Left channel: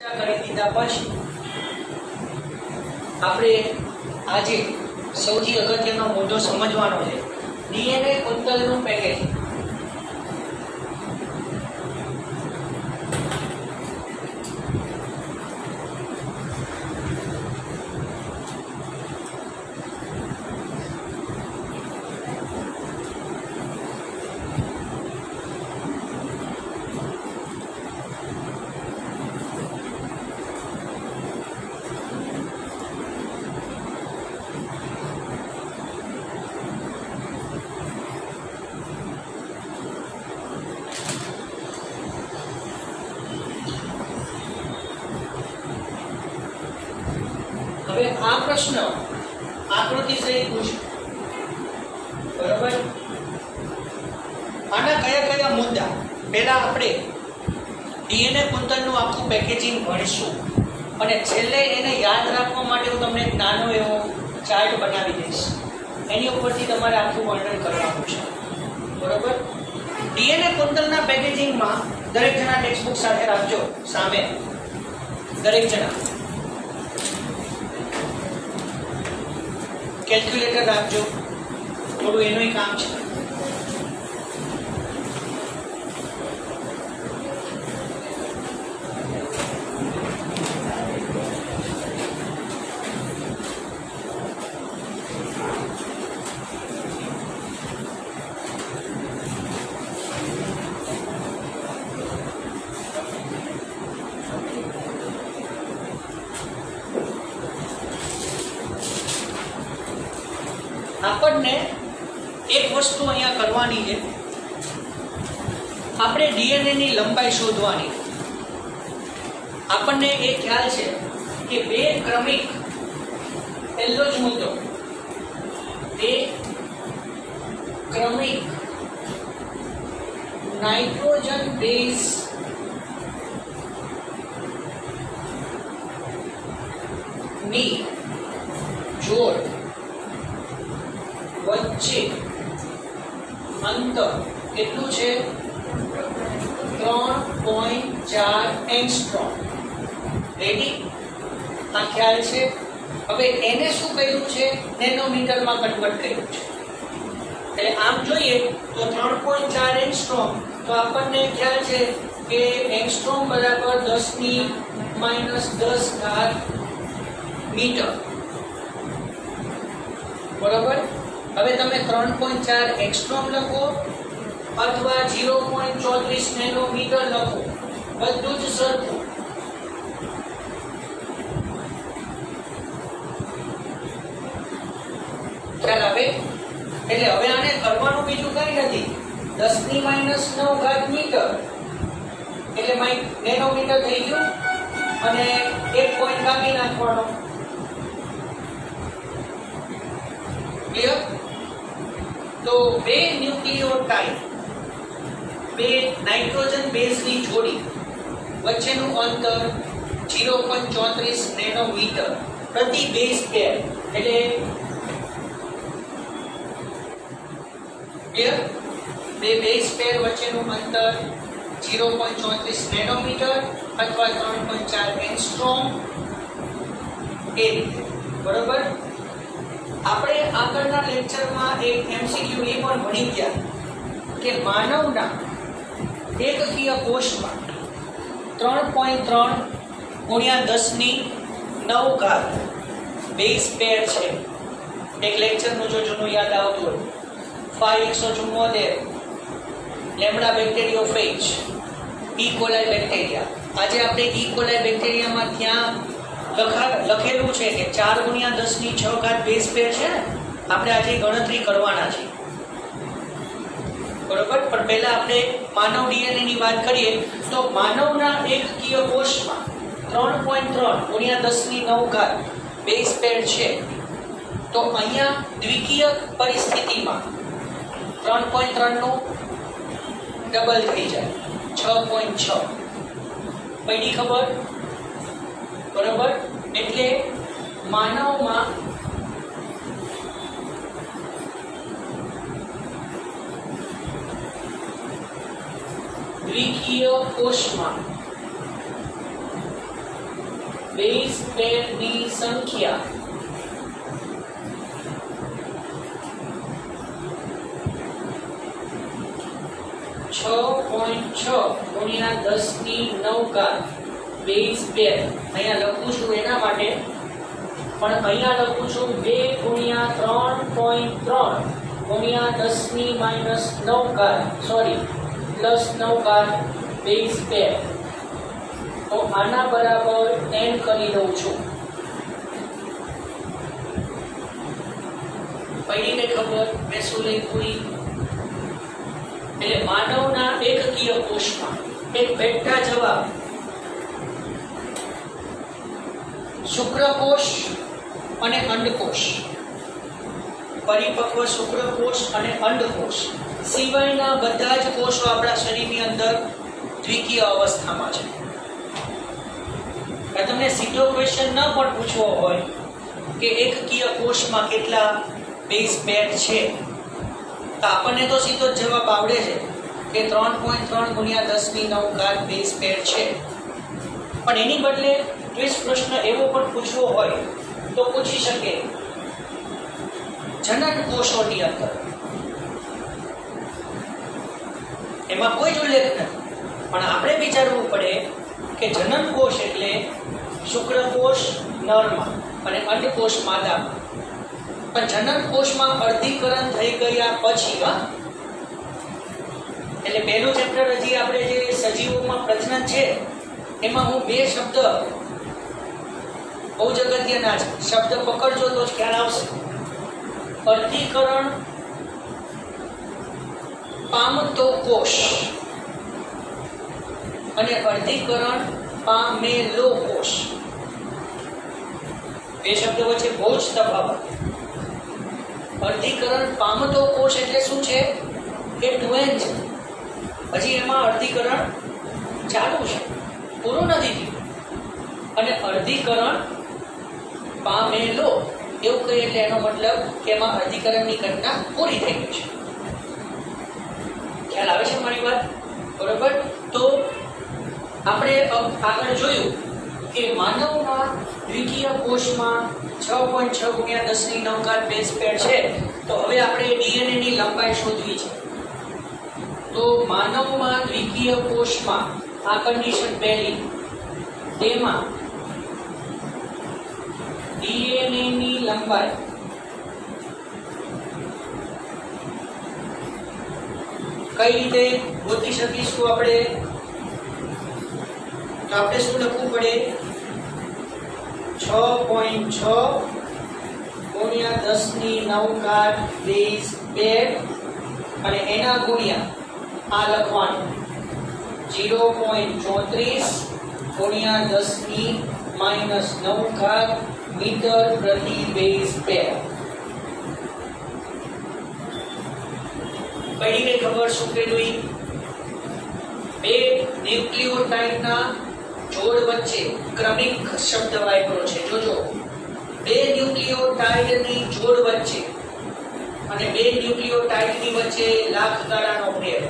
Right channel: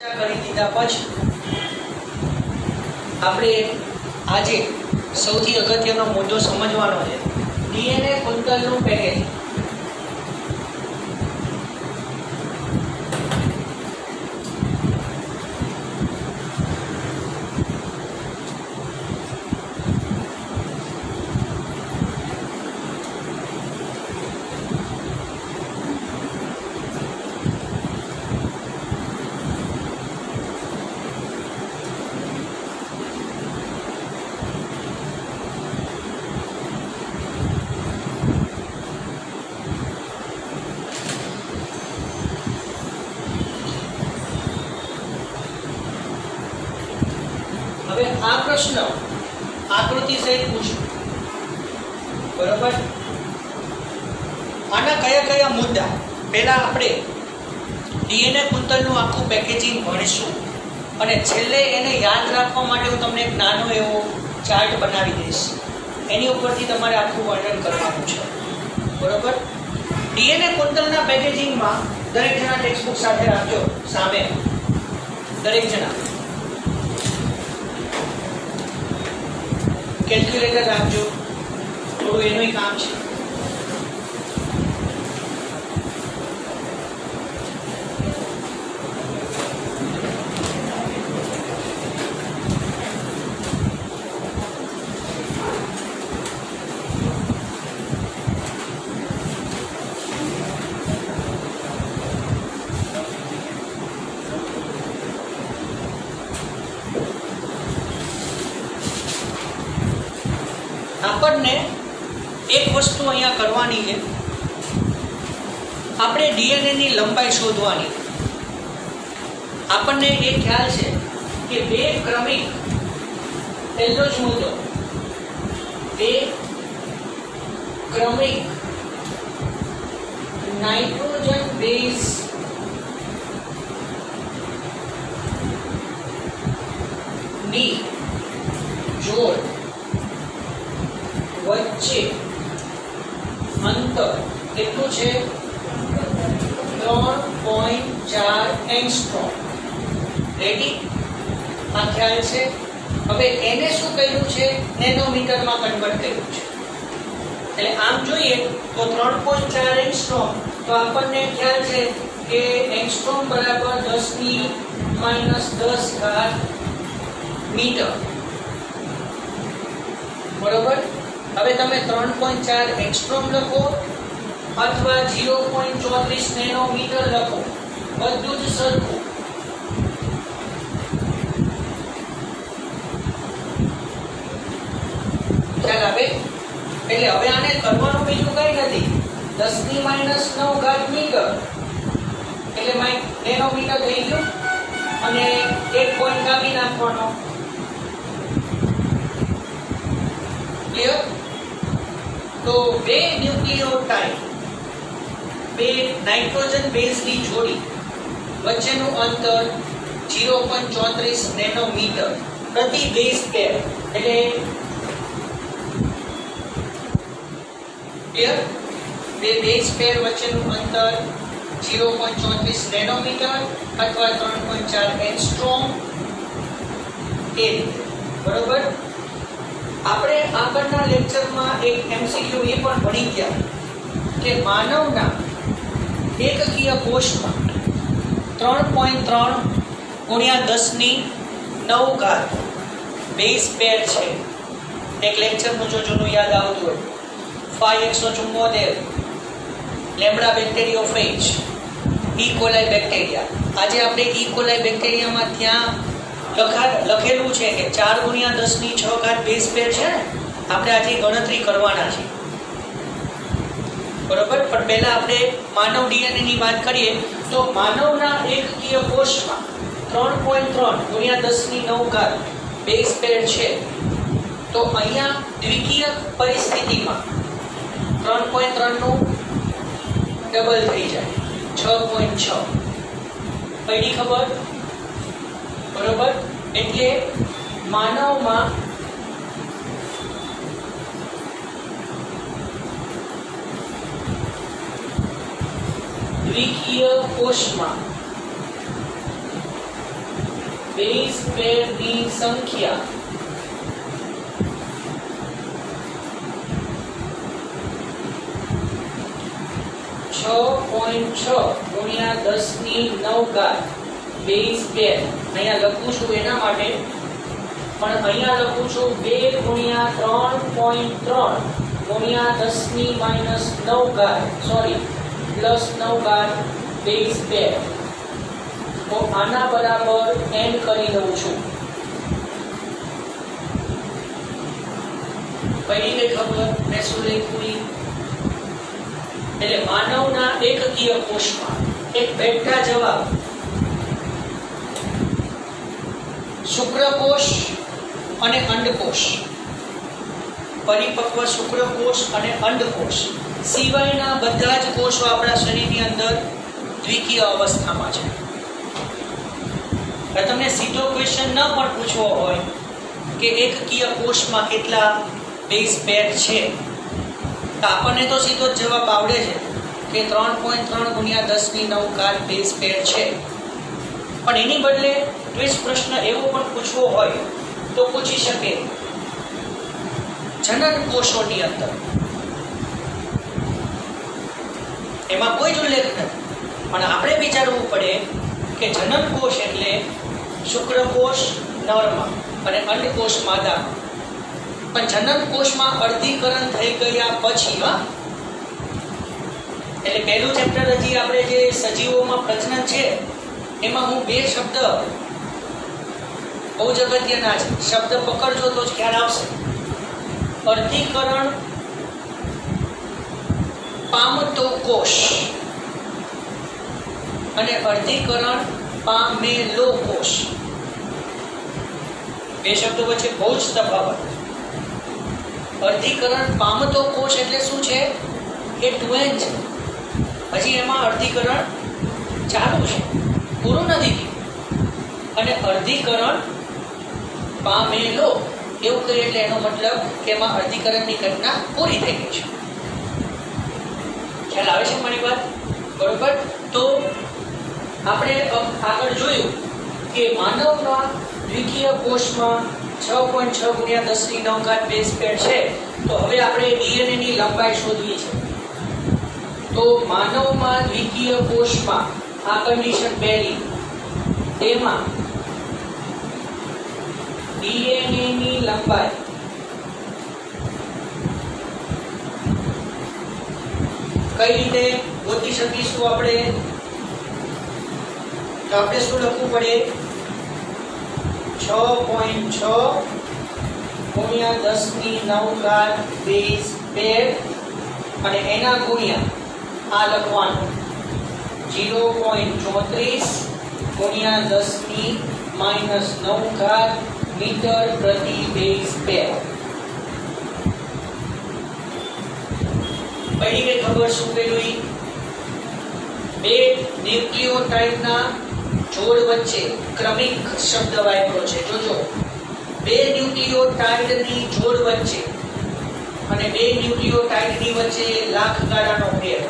કરી દીધા પછી આપણે આજે સૌથી અગત્યનો મુદ્દો સમજવાનો છે ડીએનએ કુંતલનું પેકેજ। હવે આ પ્રશ્ન આકૃતિ સહિત પૂછ્યો, બરોબર? આના કયા કયા મુદ્દા પહેલા આપણે ડીએનએ કુંતલનું આખું પેકેજિંગ ભણીશું અને છેલ્લે એને યાદ રાખવા માટે હું તમને એક નાનો એવો ચાર્ટ બનાવી દઈશ, એની ઉપરથી તમારે આખું વર્ણન કરવાનું છે, બરોબર? ડીએનએ કુંતલના પેકેજિંગમાં દરેક જણા ટેક્સ્ટ બુક સાથે રાખજો સામે, દરેક જણા કેલ્ક્યુલેટર રાખજો, થોડું એનું કામ છે। આપણને એક વસ્તુ અહીંયા કરવાની છે, આપણે ડીએનએ ની લંબાઈ શોધવાની। આપણને એ ખ્યાલ છે કે બે ક્રમિક, પહેલો જ મુદ્દો, બે ક્રમિક નાઇટ્રોજન બેઝ ની જોડ વચ્ચે અંતર કેટલું છે? 3.4 એંગસ્ટ્રોમ। રેડી? આ ખ્યાલ છે। હવે એને શું કર્યું છે? નેનોમીટરમાં કન્વર્ટ કર્યું છે। એટલે આમ જોઈએ તો 3.4 એંગસ્ટ્રોમ, તો આપણને ખ્યાલ છે કે એંગસ્ટ્રોમ બરાબર 10⁻⁻10 મીટર, બરોબર? હવે તમે 3.4 એંગસ્ટ્રોમ લખો અથવા 0.34 નેનોમીટર લખો, બધું જ સરખું। ખ્યાલ આવે? એટલે હવે આને કરવાનું બીજું કઈ નથી, 10⁻⁹ મીટર એટલે નેનોમીટર થઈ ગયું અને એક પોઈન્ટ કાપી નાખવાનો। ક્લિયર? તો બે ન્યુક્લિયોટાઇડ, બે નાઇટ્રોજન બેઝની જોડી વચ્ચેનું અંતર 0.34 નેનોમીટર પ્રતિ બેઝ પેર, એટલે ક્લિયર? બે બેઝ પેર વચ્ચેનું અંતર 0.34 નેનોમીટર અથવા 3.4 એંગસ્ટ્રોમ, એ રીતે, બરોબર? આપણે આગળના લેક્ચરમાં એક એમસીક્યુ એ પણ ભણી ગયા કે માનવના એકકીય કોષમાં 3.3 × 10⁹ બેઝ પેર છે। એક લેક્ચરનું જો જૂનું યાદ આવતું હોય, 5 લેમ્બડા બેક્ટેરિયોફેજ, ઈ કોલાઈ બેક્ટેરિયા। આજે આપણે ઈ કોલાઈ બેક્ટેરિયામાં ત્યાં લખેલું છે કે 4 × 10⁶ બેઝ પેર છે ને, આપણે આજે ગણતરી કરવાના છે, બરોબર? પણ પહેલા આપણે માનવ ડીએનએ ની વાત કરીએ તો માનવના એકકીય કોષમાં 3.3 × 10⁹ બેઝ પેર છે, તો અહીંયા દ્વિકીય પરિસ્થિતિમાં 3.3 નું ડબલ થઈ જાય, 6.6 પડી ખબર, બરોબર? એટલે માનવમાં દ્વિકીય કોષમાં બેઝ પેરની સંખ્યા 6.6 ગુણ્યા 10⁹ બેઝ પેર અહીંયા લખું છું એના માટે, પણ અહીંયા લખું છું 2 ગુણ્યા 3.3 ગુણ્યા 10⁻⁹ સોરી +9 બેઝ પેર. તો આના બરાબર n કરી દઉં છું. પડી ગઈ ખબર મેં શું લખ્યું? એટલે માનવના એકકીય કોષમાં એક બેઠા જવાબ શુક્રકોષ અને અંડકોષ, પરિપક્વ શુક્રકોષ અને અંડકોષ સિવાયના બધા જ કોષો આપણા શરીરની અંદર દ્વિકીય અવસ્થામાં છે. તમને સીધો ક્વેશ્ચન ન પણ પૂછવો હોય કે એકકીય કોષમાં કેટલા બેઝ પેર છે, તો આપણને તો સીધો જ જવાબ આવડે છે કે 3.3 ગુણ્યા 10⁹ બેઝ પેર છે. પણ એની બદલે ટ્વિસ્ટ પ્રશ્ન એવો પણ પૂછવો હોય તો પૂછી શકે જનન કોષોની અંદર, એમાં કોઈ જ ઉલ્લેખ નથી, પણ આપણે વિચારવું પડે કે જનન કોષ એટલે શુક્રકોષ નરમાં અને અંડકોષ માદામાં. પણ જનન કોષમાં અર્ધીકરણ થઈ ગયા પછી એટલે પહેલું ચેપ્ટર હજી આપણે જે સજીવોમાં પ્રજનન છે એમાં હું બે શબ્દ બહુ જ અગત્યના છે, શબ્દ પકડજો તો જ ખ્યાલ આવશે. અર્ધીકરણ પામતો કોષ અને અર્ધીકરણ પામેલો કોષ, બે શબ્દો વચ્ચે બહુ જ તફાવત. અર્ધીકરણ પામતો કોષ એટલે શું છે? એ ટ્વેન છે, હજી એમાં અર્ધીકરણ ચાલુ છે, પૂરું નથી થયું. અને અર્ધીકરણ પામેલો એવું કહીએ એટલે એનો મતલબ કે એમાં અર્ધીકરણની ઘટના પૂરી થઈ ગઈ છે. ખ્યાલ આવે છે મારી વાત? બરોબર. તો આપણે આગળ જોયું કે માનવના દ્વિકીય કોષમાં 6.6 ગુણ્યા 10⁹ બેઝ પેર છે. તો હવે આપણે ડીએનએ ની લંબાઈ શોધવી છે. તો માનવમાં દ્વિકીય કોષમાં આ કન્ડિશન પહેલી, તેમાં ડીએનએ ની લંબાઈ કઈ રીતે ગોતી શકીશું આપણે? તો આપણે શું લખવું પડે? 6.6 ગુણ્યા 10⁹ બેઝ પેર અને એના ગુણ્યા આ લખવાનું 0.34 ગુણ્યા 10⁻⁹ મીટર પ્રતિ બેઝ પેર. પડી ગઈ ખબર શું પેલું? બે ન્યુક્લિયોટાઇડના જોડ વચ્ચે ક્રમિક શબ્દ વાપર્યો છે. જોજો, બે ન્યુક્લિયોટાઇડની જોડ વચ્ચે અને બે ન્યુક્લિયોટાઇડની વચ્ચે લાખ ગાળાનો ફેર.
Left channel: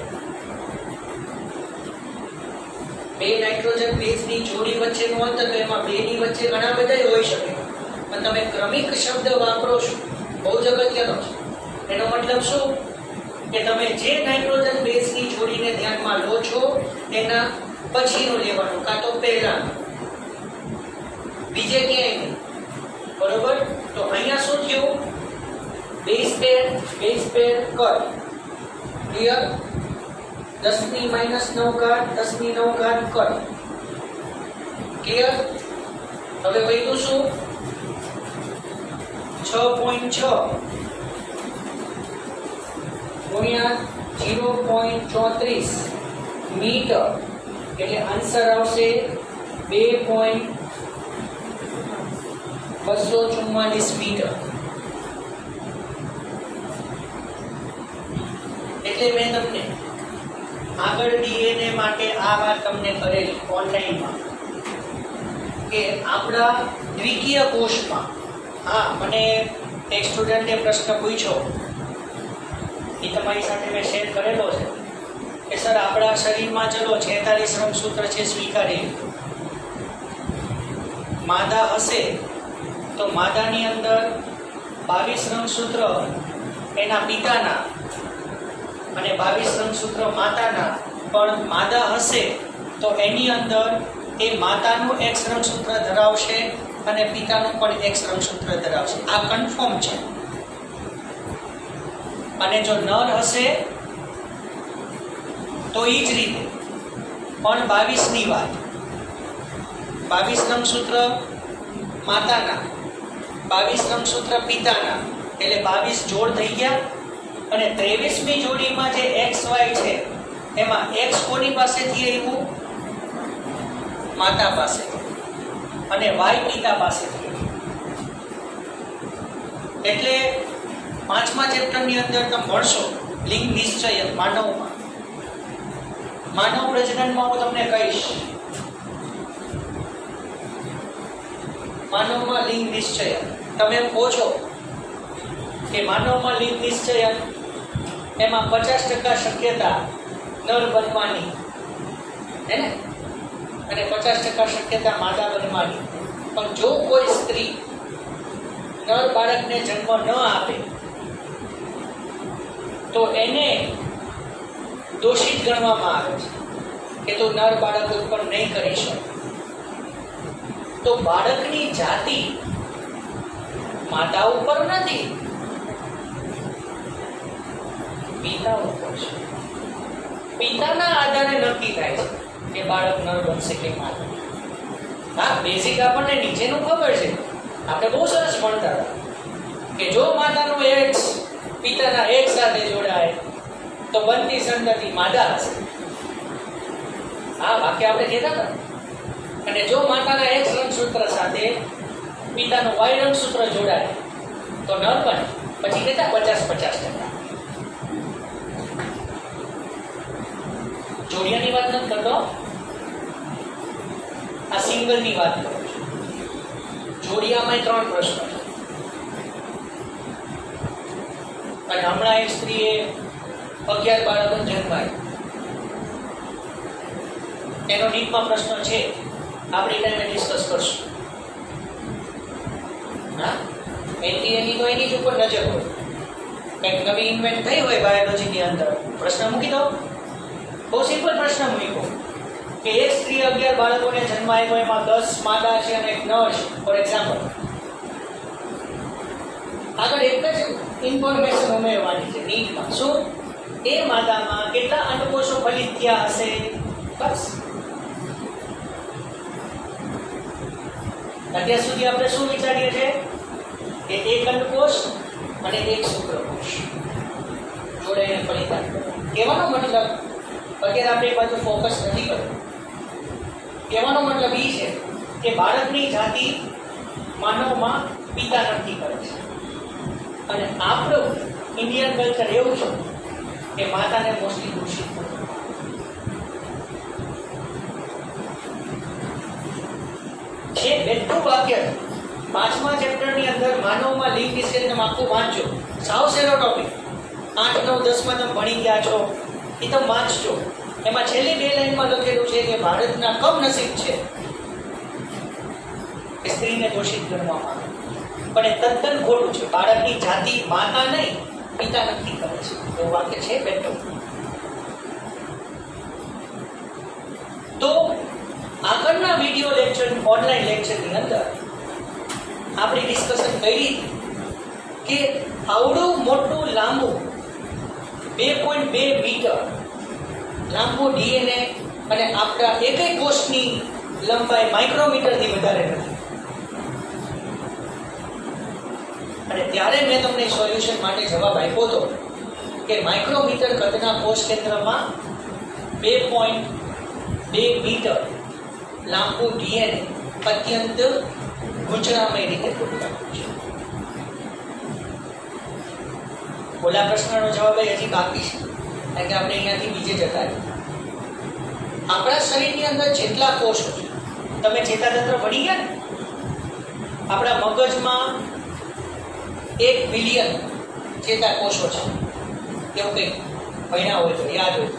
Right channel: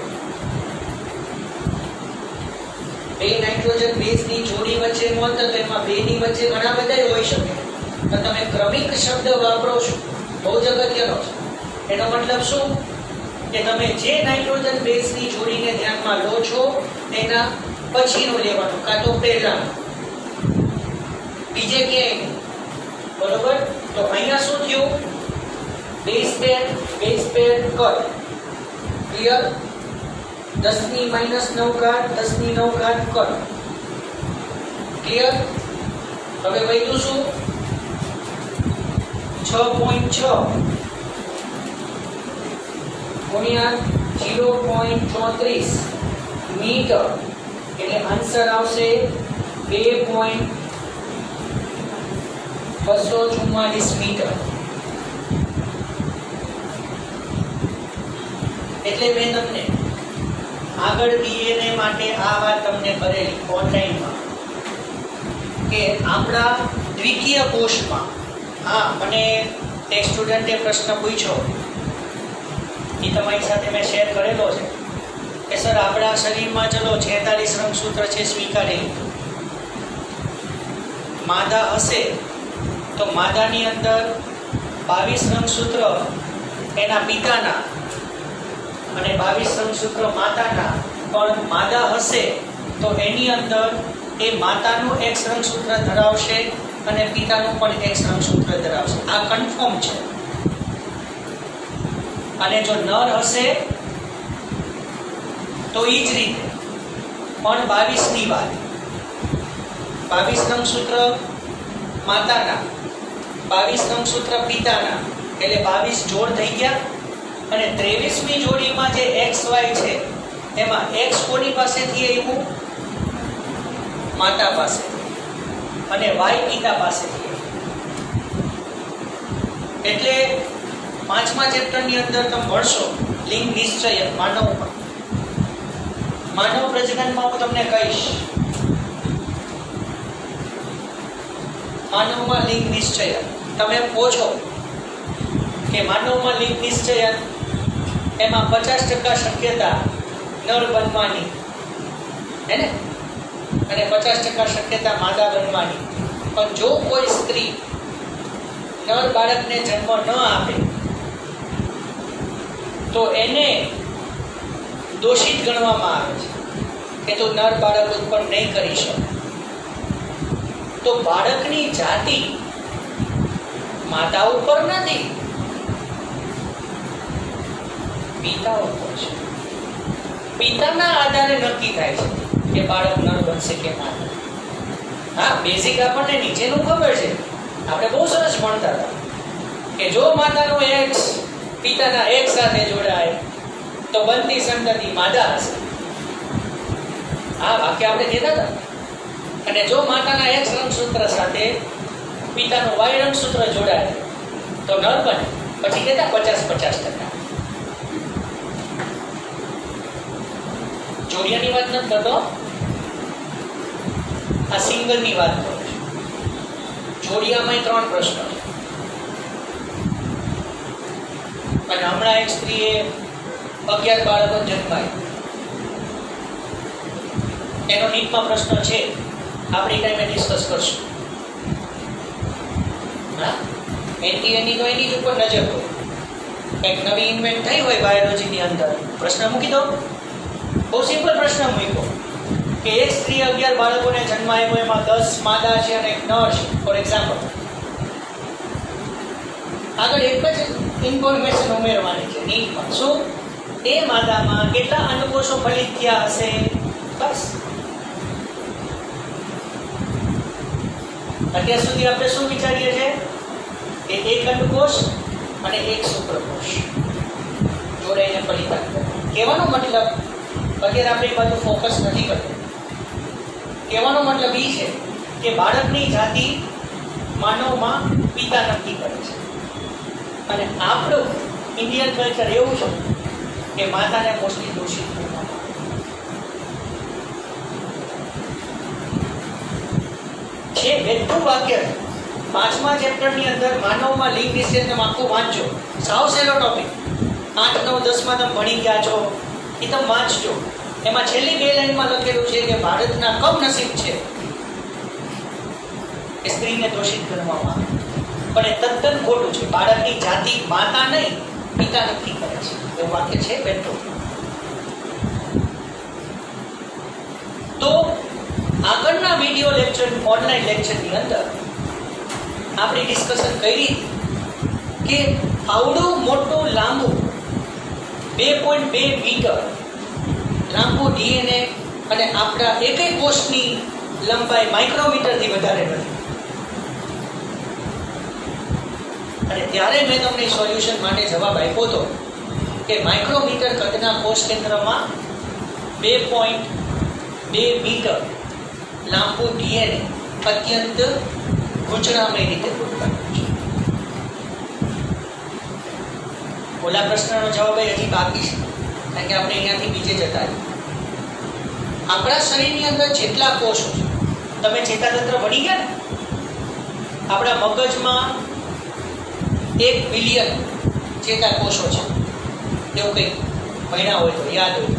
બે નાઇટ્રોજન બેઝની જોડી વચ્ચેનું અંતર, તો એમાં બેની વચ્ચે ઘણા બધા હોઈ શકે, પણ તમે ક્રમિક શબ્દ વાપરો છો, બહુ જ અગત્યનો છે. એનો મતલબ શું કે તમે જે નાઇટ્રોજન બેઝની જોડીને ધ્યાનમાં લો છો એના પછીનો લેવાનો, કાં તો પહેલા, બીજે ક્યાંય નહીં. બરોબર. તો અહીંયા શું થયું? બેઝ પેર કર. ક્લિયર? 10⁻⁹ 10⁹ કર. ક્લિયર? હવે વધ્યું શું? 6.6 ગુણ્યા 0.34 મીટર, એટલે આન્સર આવશે 2.244 મીટર. એટલે મેં તમને આગળ ડીએનએ માટે આ વાત તમને કરેલી ઓનલાઈનમાં કે આપણા દ્વિકીય કોષમાં, હા, મને એક સ્ટુડન્ટે પ્રશ્ન પૂછ્યો, એ તમારી સાથે મેં શેર કરેલો છે કે સર આપણા શરીરમાં ચલો 46 રંગસૂત્ર છે, સ્વીકારી લીધું. માદા હશે તો માદાની અંદર 22 રંગસૂત્ર એના પિતાના અને 22 રંગસૂત્ર માતાના, પણ માદા હશે તો એની અંદર એ માતાનું X રંગસૂત્ર ધરાવશે અને પિતાનું પણ X રંગસૂત્ર ધરાવશે. આ કન્ફર્મ છે. અને જો નર હશે તો એ જ રીતે પણ 22 ની વાત, 22 રંગસૂત્ર માતાના, 22 રંગસૂત્ર પિતાના, એટલે 22 જોડ થઈ ગયા. અને 23મી જોડીમાં જે XY છે એમાં X કોની પાસેથી આવ્યું? માતા પાસે, અને Y પિતા પાસેથી. એટલે 5મા ચેપ્ટરની અંદર તમે ભણશો લિંગ નિશ્ચયન માનવમાં. માનવ પ્રજનનમાં હું તમને કહીશ માનવમાં લિંગ નિશ્ચયન. તમે એમ કહો છો કે માનવમાં લિંગ નિશ્ચયન એમાં 50% શક્યતા નર બનવાની, હે ને, અને 50% શક્યતા માદા બનવાની. પણ જો કોઈ સ્ત્રી નર બાળકને જન્મ ન આપે તો એને દોષિત ગણવામાં આવે છે કે તું નર બાળક ઉત્પન્ન નહીં કરી શકે. તો બાળકની જાતિ માતા ઉપર નથી, પિતા ઉપર છે. પિતાના આધારે નક્કી થાય છે કે બાળક નર બનશે કે માદા. હા, બેઝિક આપણને નીચેનું ખબર છે. આપણે બહુ સરસ ભણતા હતા કે જો માતાનું X પિતાના X સાથે જોડાય તો બનતી સંતતિ માદા હશે. આ વાક્ય આપણે કહેતા હતા. અને જો માતાના X રંગસૂત્ર સાથે પિતાનું Y રંગસૂત્ર જોડાય તો નર બને. પછી કહેતા 50-50%. જોડિયાની વાત નથી કરતો, આ સિંગલની વાત કરું છું. જોડિયામાં 3 પ્રશ્ન છે. અને હમણાં એક સ્ત્રીએ 11 બાળકો જન્માય, એનો નીટમાં પ્રશ્ન છે, આપણી ટાઈમે ડિસ્કસ કરશું. હા, એની તો એની જ ઉપર નજર હોય. કંઈક નવી ઇન્વેન્ટ થઈ હોય બાયોલોજીની અંદર, પ્રશ્ન મૂકી દો. બહુ સિમ્પલ પ્રશ્ન મૂક્યો કે એક સ્ત્રી 11 બાળકોને જન્મ આપ્યો, એમાં 10 માદા છે અને 1 નર છે, ફોર એક્ઝામ્પલ. આગળ એક જ ઇન્ફોર્મેશન ઉમેરવાની છે નીટમાં. શું? એ માદામાં કેટલા અંડકોષો ફલિત થયા હશે? બસ. અત્યાર સુધી આપણે શું વિચારીએ છીએ કે એક અંડકોષ અને એક શુક્રકોષ જોડાઈને ફલિત. કહેવાનો મતલબ અત્યારે આપણે એ બાજુ ફોકસ નથી કરતું. કહેવાનો મતલબ એ છે કે બાળકની જાતિ માનવમાં પિતા નક્કી કરે છે. અને આપણું ઇન્ડિયન કલ્ચર એવું છે કે માતાને મોસ્ટલી દોષિત કરવામાં છે. બેઠું વાક્ય 5મા ચેપ્ટરની અંદર માનવમાં લિંગ નિષેધને આખું વાંચજો. સાવ સહેલો ટોપિક. 8, 9, 10માં તમે ભણી ગયા છો એ તમે વાંચજો. એમાં છેલ્લી 2 લાઈનમાં લખેલું છે કે ભારતના કમનસીબ છે કે સ્ત્રીને દોષિત ગણવામાં આવે. પણ એ તદ્દન ખોટું છે. બાળકની જાતિ માતા નહીં પિતા નક્કી કરે છે, એવું વાક્ય છે બેઠું. તો આગળના વિડીયો લેક્ચર, ઓનલાઈન લેક્ચરની અંદર આપણે ડિસ્કશન કરી કે આવડું મોટું લાંબુ 2.2 મીટર લાંબુ ડીએનએ અને આપણા એકેય કોષની લંબાઈ માઇક્રોમીટરથી વધારે નથી. અને ત્યારે મેં તમને સોલ્યુશન માટે જવાબ આપ્યો હતો કે માઇક્રોમીટર કદના કોષ કેન્દ્રમાં 2.2 મીટર લાંબુ ડીએનએ અત્યંત ગૂંચળામય રીતે ગોઠવાયેલું છે. ઓલા પ્રશ્નનો જવાબ હજી બાકી છે, કારણ કે આપણે અહીંયાથી બીજે જતા રહીએ. આપણા શરીરની અંદર જેટલા કોષો છે, તમે ચેતાતંત્ર ભણી ગયા ને, આપણા મગજમાં 1 બિલિયન ચેતાકોષો છે, એવું કંઈક ભણ્યા હોય તો યાદ હોય.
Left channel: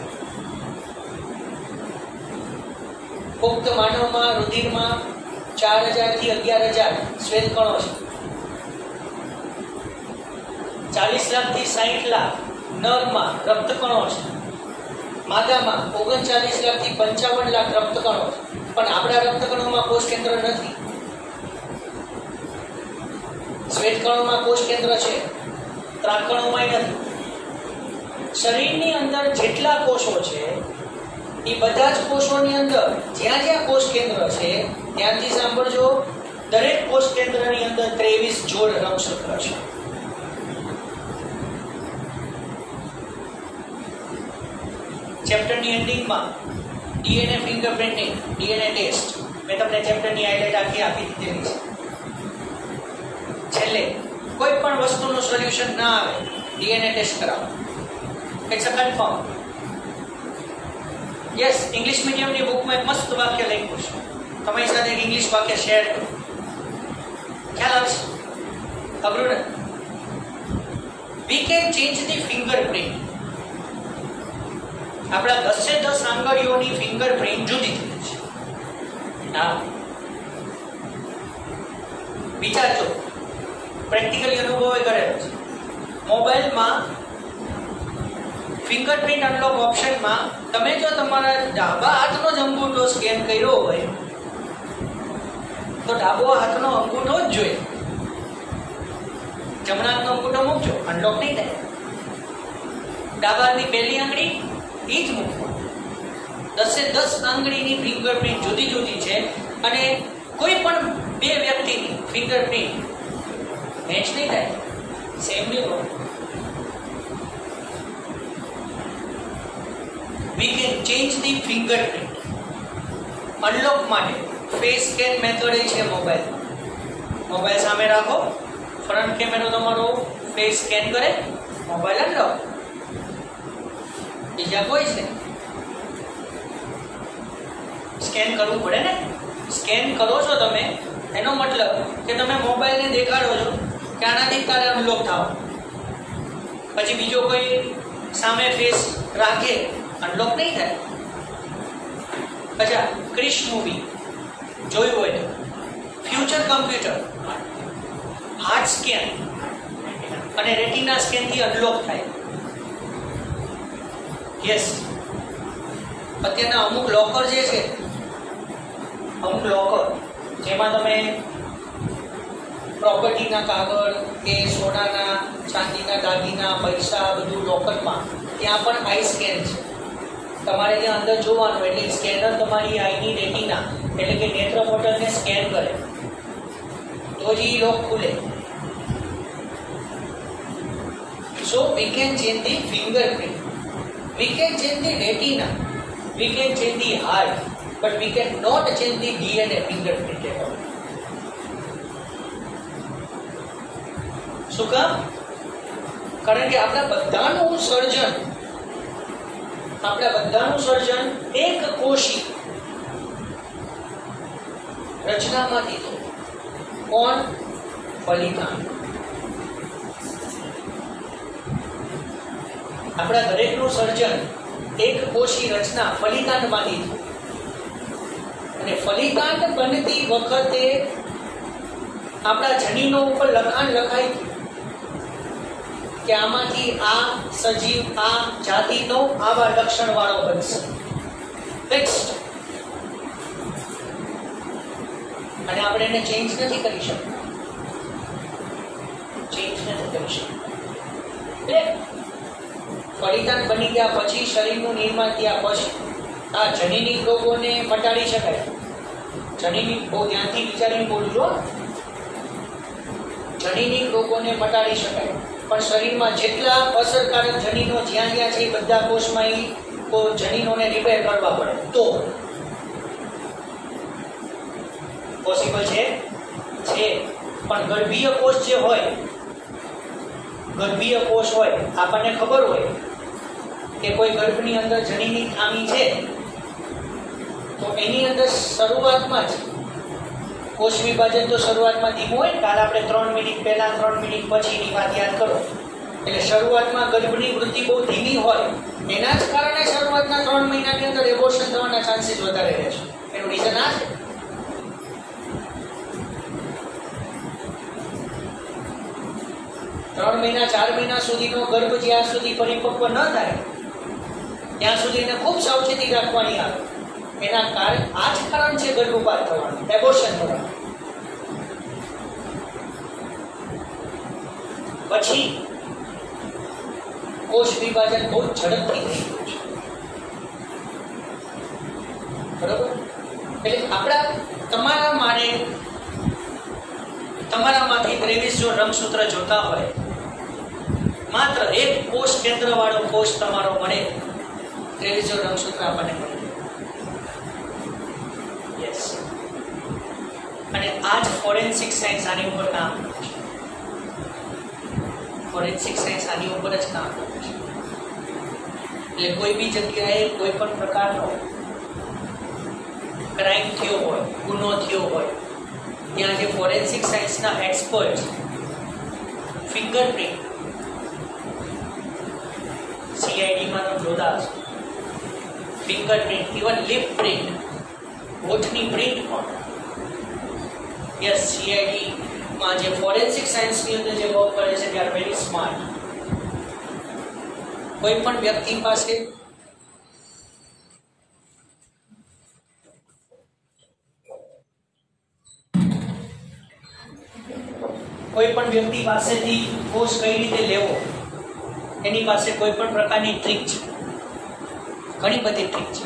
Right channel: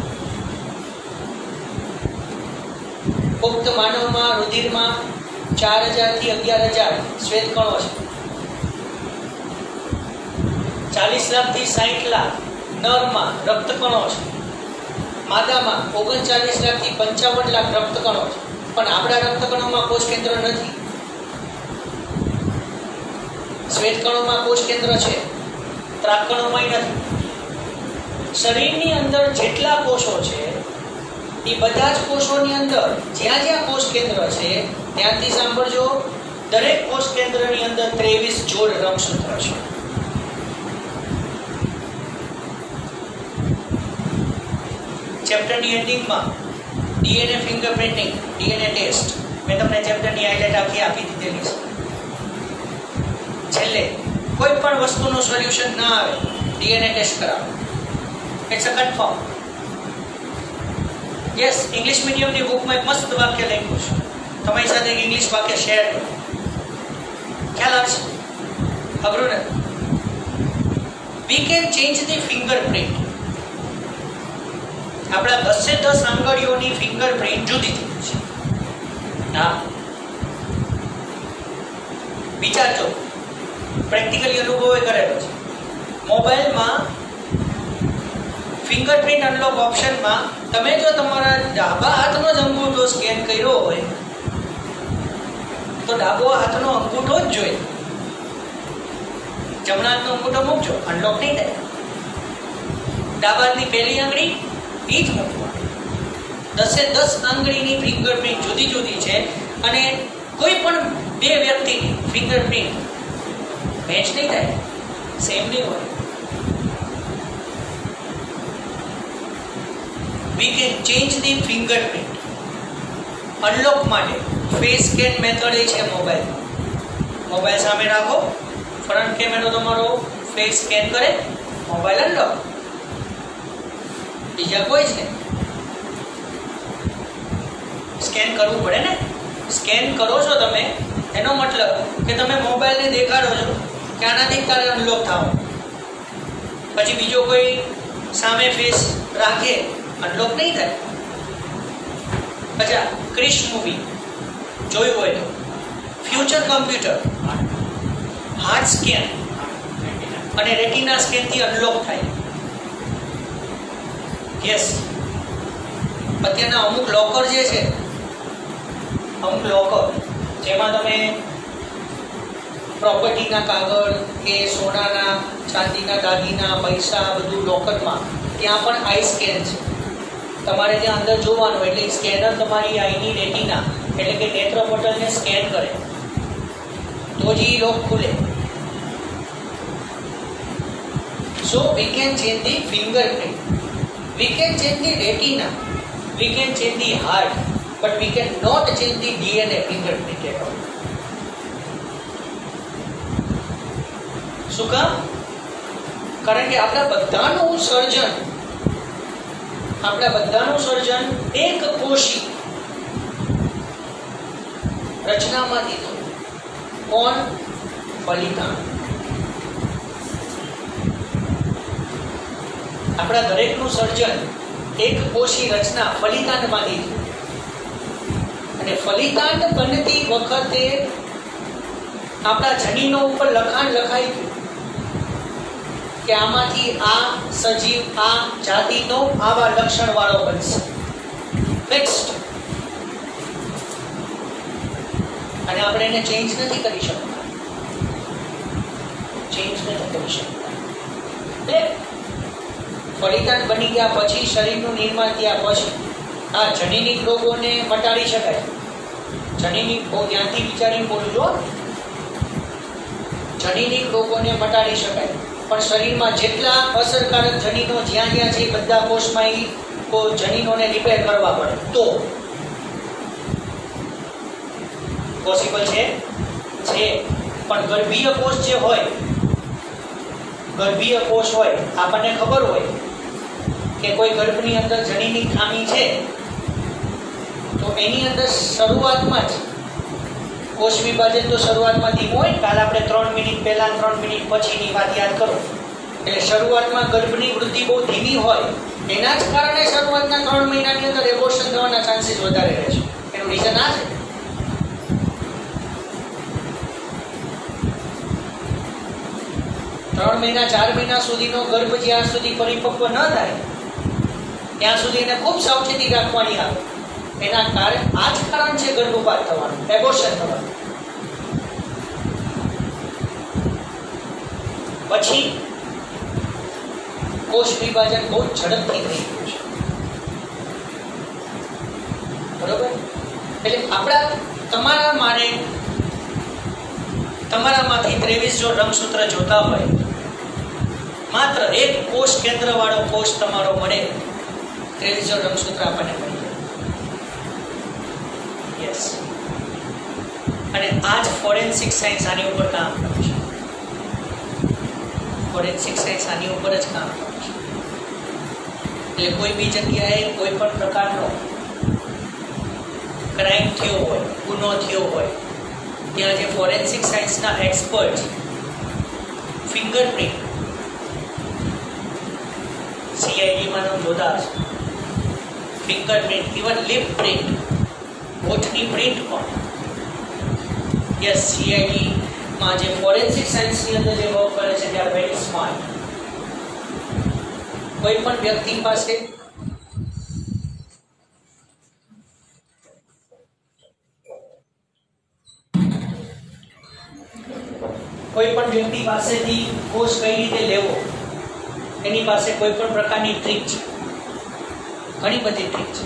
પુખ્ત માનવમાં રુધિરમાં 4000 થી 11000 શ્વેત કણો છે. 40 લાખ થી 60 લાખ નરમાં રક્તકણો છે. માદામાં 39 લાખ થી 55 લાખ રક્તકણો છે. પણ આપણા રક્તકણોમાં કોષ કેન્દ્ર નથી. શ્વેત કણોમાં કોષ કેન્દ્ર છે, ત્રાકકણોમાં નથી. શરીરની અંદર જેટલા કોષો છે એ બધા જ કોષોની અંદર જ્યાં જ્યાં કોષ કેન્દ્ર છે ત્યાંથી સાંભળજો, દરેક કોષ કેન્દ્રની અંદર 23 જોડ રંગસૂત્ર છે. ચેપ્ટરની એન્ડિંગમાં ડીએનએ ફિંગરપ્રિન્ટિંગ, ડીએનએ ટેસ્ટ મેં તમને ચેપ્ટરની હાઇલાઇટ આખી આપી દીધેલી છે. છેલ્લે કોઈ પણ વસ્તુનું સોલ્યુશન ના આવે, ડીએનએ ટેસ્ટ કરાવો. It's a confirm. Yes, English મીડિયમની બુકમાં એક મસ્ત વાક્ય લખ્યું છે. તમારી સાથે એક ઇંગ્લિશ વાક્ય શેર કરું. ખ્યાલ આવે છે? અઘરું નથી. વી કેન ચેન્જ ધી ફિંગરપ્રિન્ટ. આપણા 10 આંગળીઓની ફિંગરપ્રિન્ટ જુદી જુદી છે. હા, વિચારજો, પ્રેક્ટિકલી અનુભવ કરેલો છે. મોબાઈલમાં ફિંગરપ્રિન્ટ અનલોક ઓપ્શનમાં તમે જો તમારા ડાબા હાથનો જ અંગૂઠો સ્કેન કર્યો હોય તો ડાબો હાથનો અંગૂઠો જ જોઈએ. જમણા હાથનો અંગૂઠો મૂકજો, અનલોક નહીં થાય. ડાબા હાથની પહેલી આંગળી એ જ મૂકવાની. 10 આંગળીની ફિંગરપ્રિન્ટ જુદી જુદી છે અને કોઈ પણ બે વ્યક્તિની ફિંગરપ્રિન્ટ મેચ નહીં થાય, સેમ નહીં હોય. We can change the fingerprint. Unlock માટે ફેસ સ્કેન મેથડ એ છે મોબાઈલમાં. મોબાઈલ સામે રાખો, ફ્રન્ટ કેમેરો તમારો ફેસ સ્કેન કરે, મોબાઈલ અનલોક. બીજા કોઈ છે સ્કેન કરવું પડે ને. સ્કેન કરો છો તમે, એનો મતલબ કે તમે મોબાઈલને દેખાડો છો કે આનાથી તારે અનલોક થાવ. પછી બીજો કોઈ સામે ફેસ રાખે, અનલોક નહીં થાય. અચ્છા, ક્રિશ મૂવી જોયું હોય તો ફ્યુચર કમ્પ્યુટર હાર્ટ સ્કેન અને રેટિના સ્કેન થી અનલોક થાય. યસ, અત્યારના અમુક લોકર જે છે, અમુક લોકર જેમાં તમે પ્રોપર્ટીના કાગળ કે સોનાના ચાંદીના દાગીના પૈસા બધું લોકરમાં, ત્યાં પણ આઈ સ્કેન છે. તમારે ત્યાં અંદર જોવાનું, એટલે સ્કેનર તમારી આઈની રેટિના એટલે કે નેત્ર પટલને સ્કેન કરે તો જ એ લોક ખુલે. So we can change the fingerprint, we can change the retina, we can change the heart, but we can not change the DNA fingerprint at all. શું કામ? કારણ કે આપણા બધાનું સર્જન એક કોષી રચનામાંથી થયું. કોણ? ફલિતાંડ. આપણા દરેકનું સર્જન એક કોષી રચના ફલિતાંડમાંથી થયું. અને ફલિતાંડ બનતી વખતે આપણા જનીનો ઉપર લખાણ લખાઈ ગયું કે આમાંથી આ સજીવ આ જાતિનો આવા લક્ષણ વાળો બનશે, ફિક્સ્ડ. અને આપણે એને ચેન્જ નથી કરી શકતા, એટલે ફલિતાંડ બની ગયા પછી, શરીરનું નિર્માણ થયા પછી આ જનીનિક રોગોને મટાડી શકાય. જનીનિક, બહુ ધ્યાનથી વિચારીને બોલું છો, જનીનિક રોગોને મટાડી શકાય. પણ શરીરમાં જેટલા અસરકારક જનીનો જ્યાં જ્યાં છે બધા કોષમાં એ જનીનોને રિપેર કરવા પડે તો પોસિબલ છે. પણ ગર્ભીય કોષ જે હોય, ગર્ભીય કોષ હોય, આપણને ખબર હોય કે કોઈ ગર્ભની અંદર જનીની ખામી છે તો એની અંદર શરૂઆતમાં જ કોષ વિભાજન તો શરૂઆતમાં ધીમું હોય. કાલ આપણે 3 મિનિટ પહેલા 3 મિનિટ પછીની વાત યાદ કરો. એટલે શરૂઆતમાં ગર્ભની વૃદ્ધિ બહુ ધીમી હોય, એના જ કારણે શરૂઆતના 3 મહિનાની અંદર એબોર્શન થવાના ચાન્સીસ વધારે રહે છે. એનું રીઝન આ છે. 3 મહિના 4 મહિના સુધીનો ગર્ભ જ્યાં સુધી પરિપક્વ ન થાય ત્યાં સુધી એને ખૂબ સાવચેતી રાખવાની આવે. એના કારણ આ જ કારણ છે ગર્ભપાત થવાનું, એબોર્શન થવાનું. પછી કોષ વિભાજન બહુ ઝડપથી થઈ ગયું છે. બરોબર? એટલે આપણા તમારામાંથી 23 જો રંગસૂત્ર જોતા હોય, માત્ર એક કોષ કેન્દ્ર વાળો કોષ તમારો મળે, 23 જો રંગસૂત્ર આપણને મળી જાય. યસ. અને આ જ ફોરેન્સિક સાયન્સ આની ઉપર કામ કરે છે. ફોરેન્સિક સાયન્સ આની ઉપર જ કામ કરે છે. એટલે કોઈ બી જગ્યાએ કોઈ પણ પ્રકારનો ક્રાઇમ થયો હોય, ગુનો થયો હોય, ત્યાં જે ફોરેન્સિક સાયન્સના એક્સપર્ટ ફિંગરપ્રિન્ટ CID-માં જોતા હશે, ફિંગરપ્રિન્ટ, ઇવન લિપ પ્રિન્ટ, હોઠની પ્રિન્ટ પણ. યસ, CID-માં જે ફોરેન્સિક સાયન્સની અંદર જે વર્ક કરે છે, they are very smart. કોઈ પણ વ્યક્તિ પાસે પાસેથી કોષ કઈ રીતે લેવો, એની પાસે કોઈ પણ પ્રકારની ટ્રીક છે, ઘણી બધી ટ્રીક છે.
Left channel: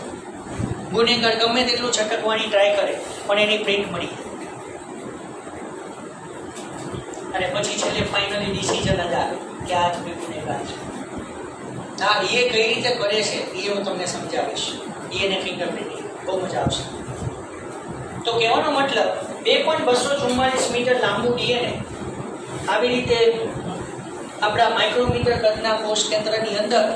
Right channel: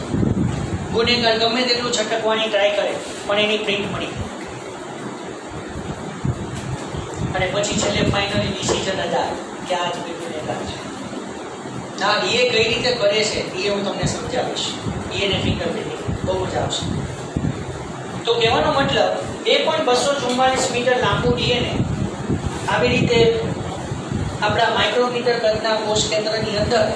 ગુનેગાર ગમે તેટલું છટકવાની ટ્રાય કરે પણ એની પ્રિન્ટ મળી અને પછી છેલ્લે ફાઇનલી ડિસિઝન જ આવે કે આ ગુનેગાર છે. હા, એ કઈ રીતે કરે છે એ હું તમને સમજાવીશ. એને ફિંગરપ્રિન્ટિંગ બહુ મજા આવશે. તો કહેવાનો મતલબ 2.244 મીટર લાંબુ DNA આવી રીતે આપણા માઇક્રોમીટર કદના કોષ કેન્દ્રની અંદર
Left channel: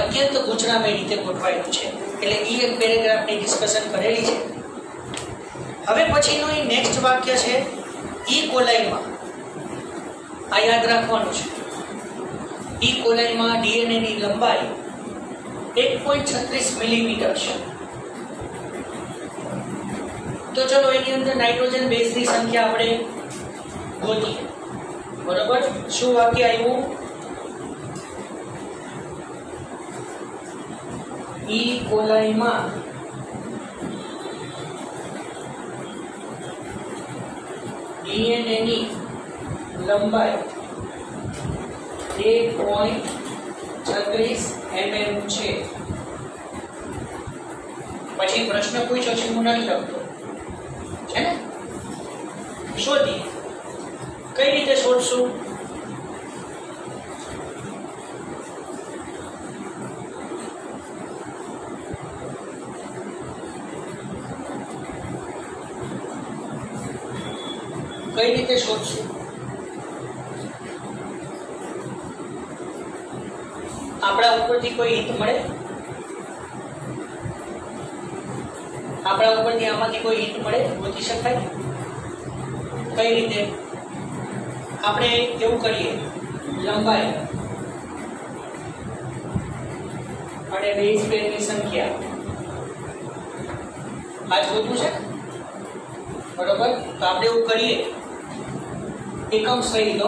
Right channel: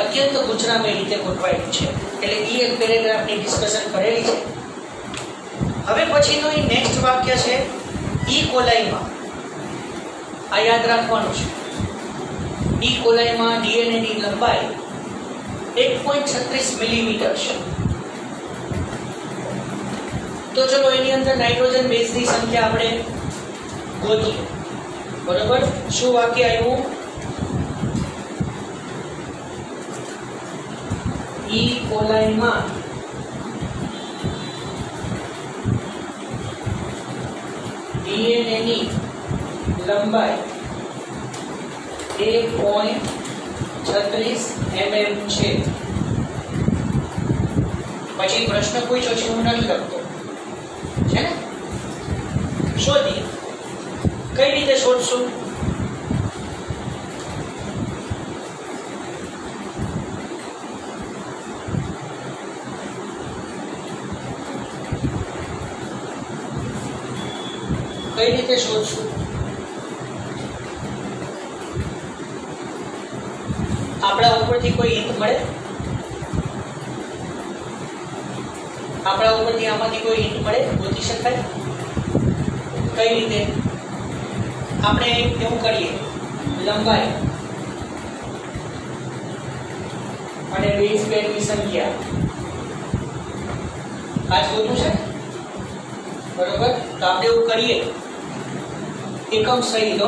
અત્યંત ગૂંચળામય રીતે ગોઠવાયેલું છે. એટલે એ એક પેરેગ્રાફની ડિસ્કશન કરેલી છે. હવે પછીનું એ નેક્સ્ટ વાક્ય છે ઈ કોલાઈમાં. આ યાદ રાખવાનું છે. ઈ કોલાઈમાં DNA ની લંબાઈ 1.36 મિલીમીટર છે. તો ચલો એની અંદર નાઇટ્રોજન બેઝની સંખ્યા આપણે ગોતીએ. બરોબર? શું વાક્ય આવ્યું? ઈ કોલાઈમાં DNA ની લંબાઈ 1.36 mm છે. પછી પ્રશ્ન પૂછ્યો છે, હું નથી લખતો છે ને, શોધી. કઈ રીતે શોધશું? કઈ રીતે શોધશું? આપણા ઉપરથી કોઈ હિન્ટ મળે? આપણા ઉપરથી આમાંથી કોઈ હિન્ટ મળે? ગોતી શકાય? કઈ રીતે? આપણે એવું કરીએ, લંબાઈ અને બેઝ પેરની સંખ્યા આ શોધવું છે. બરોબર? તો આપણે એવું કરીએ, એકમ સહિત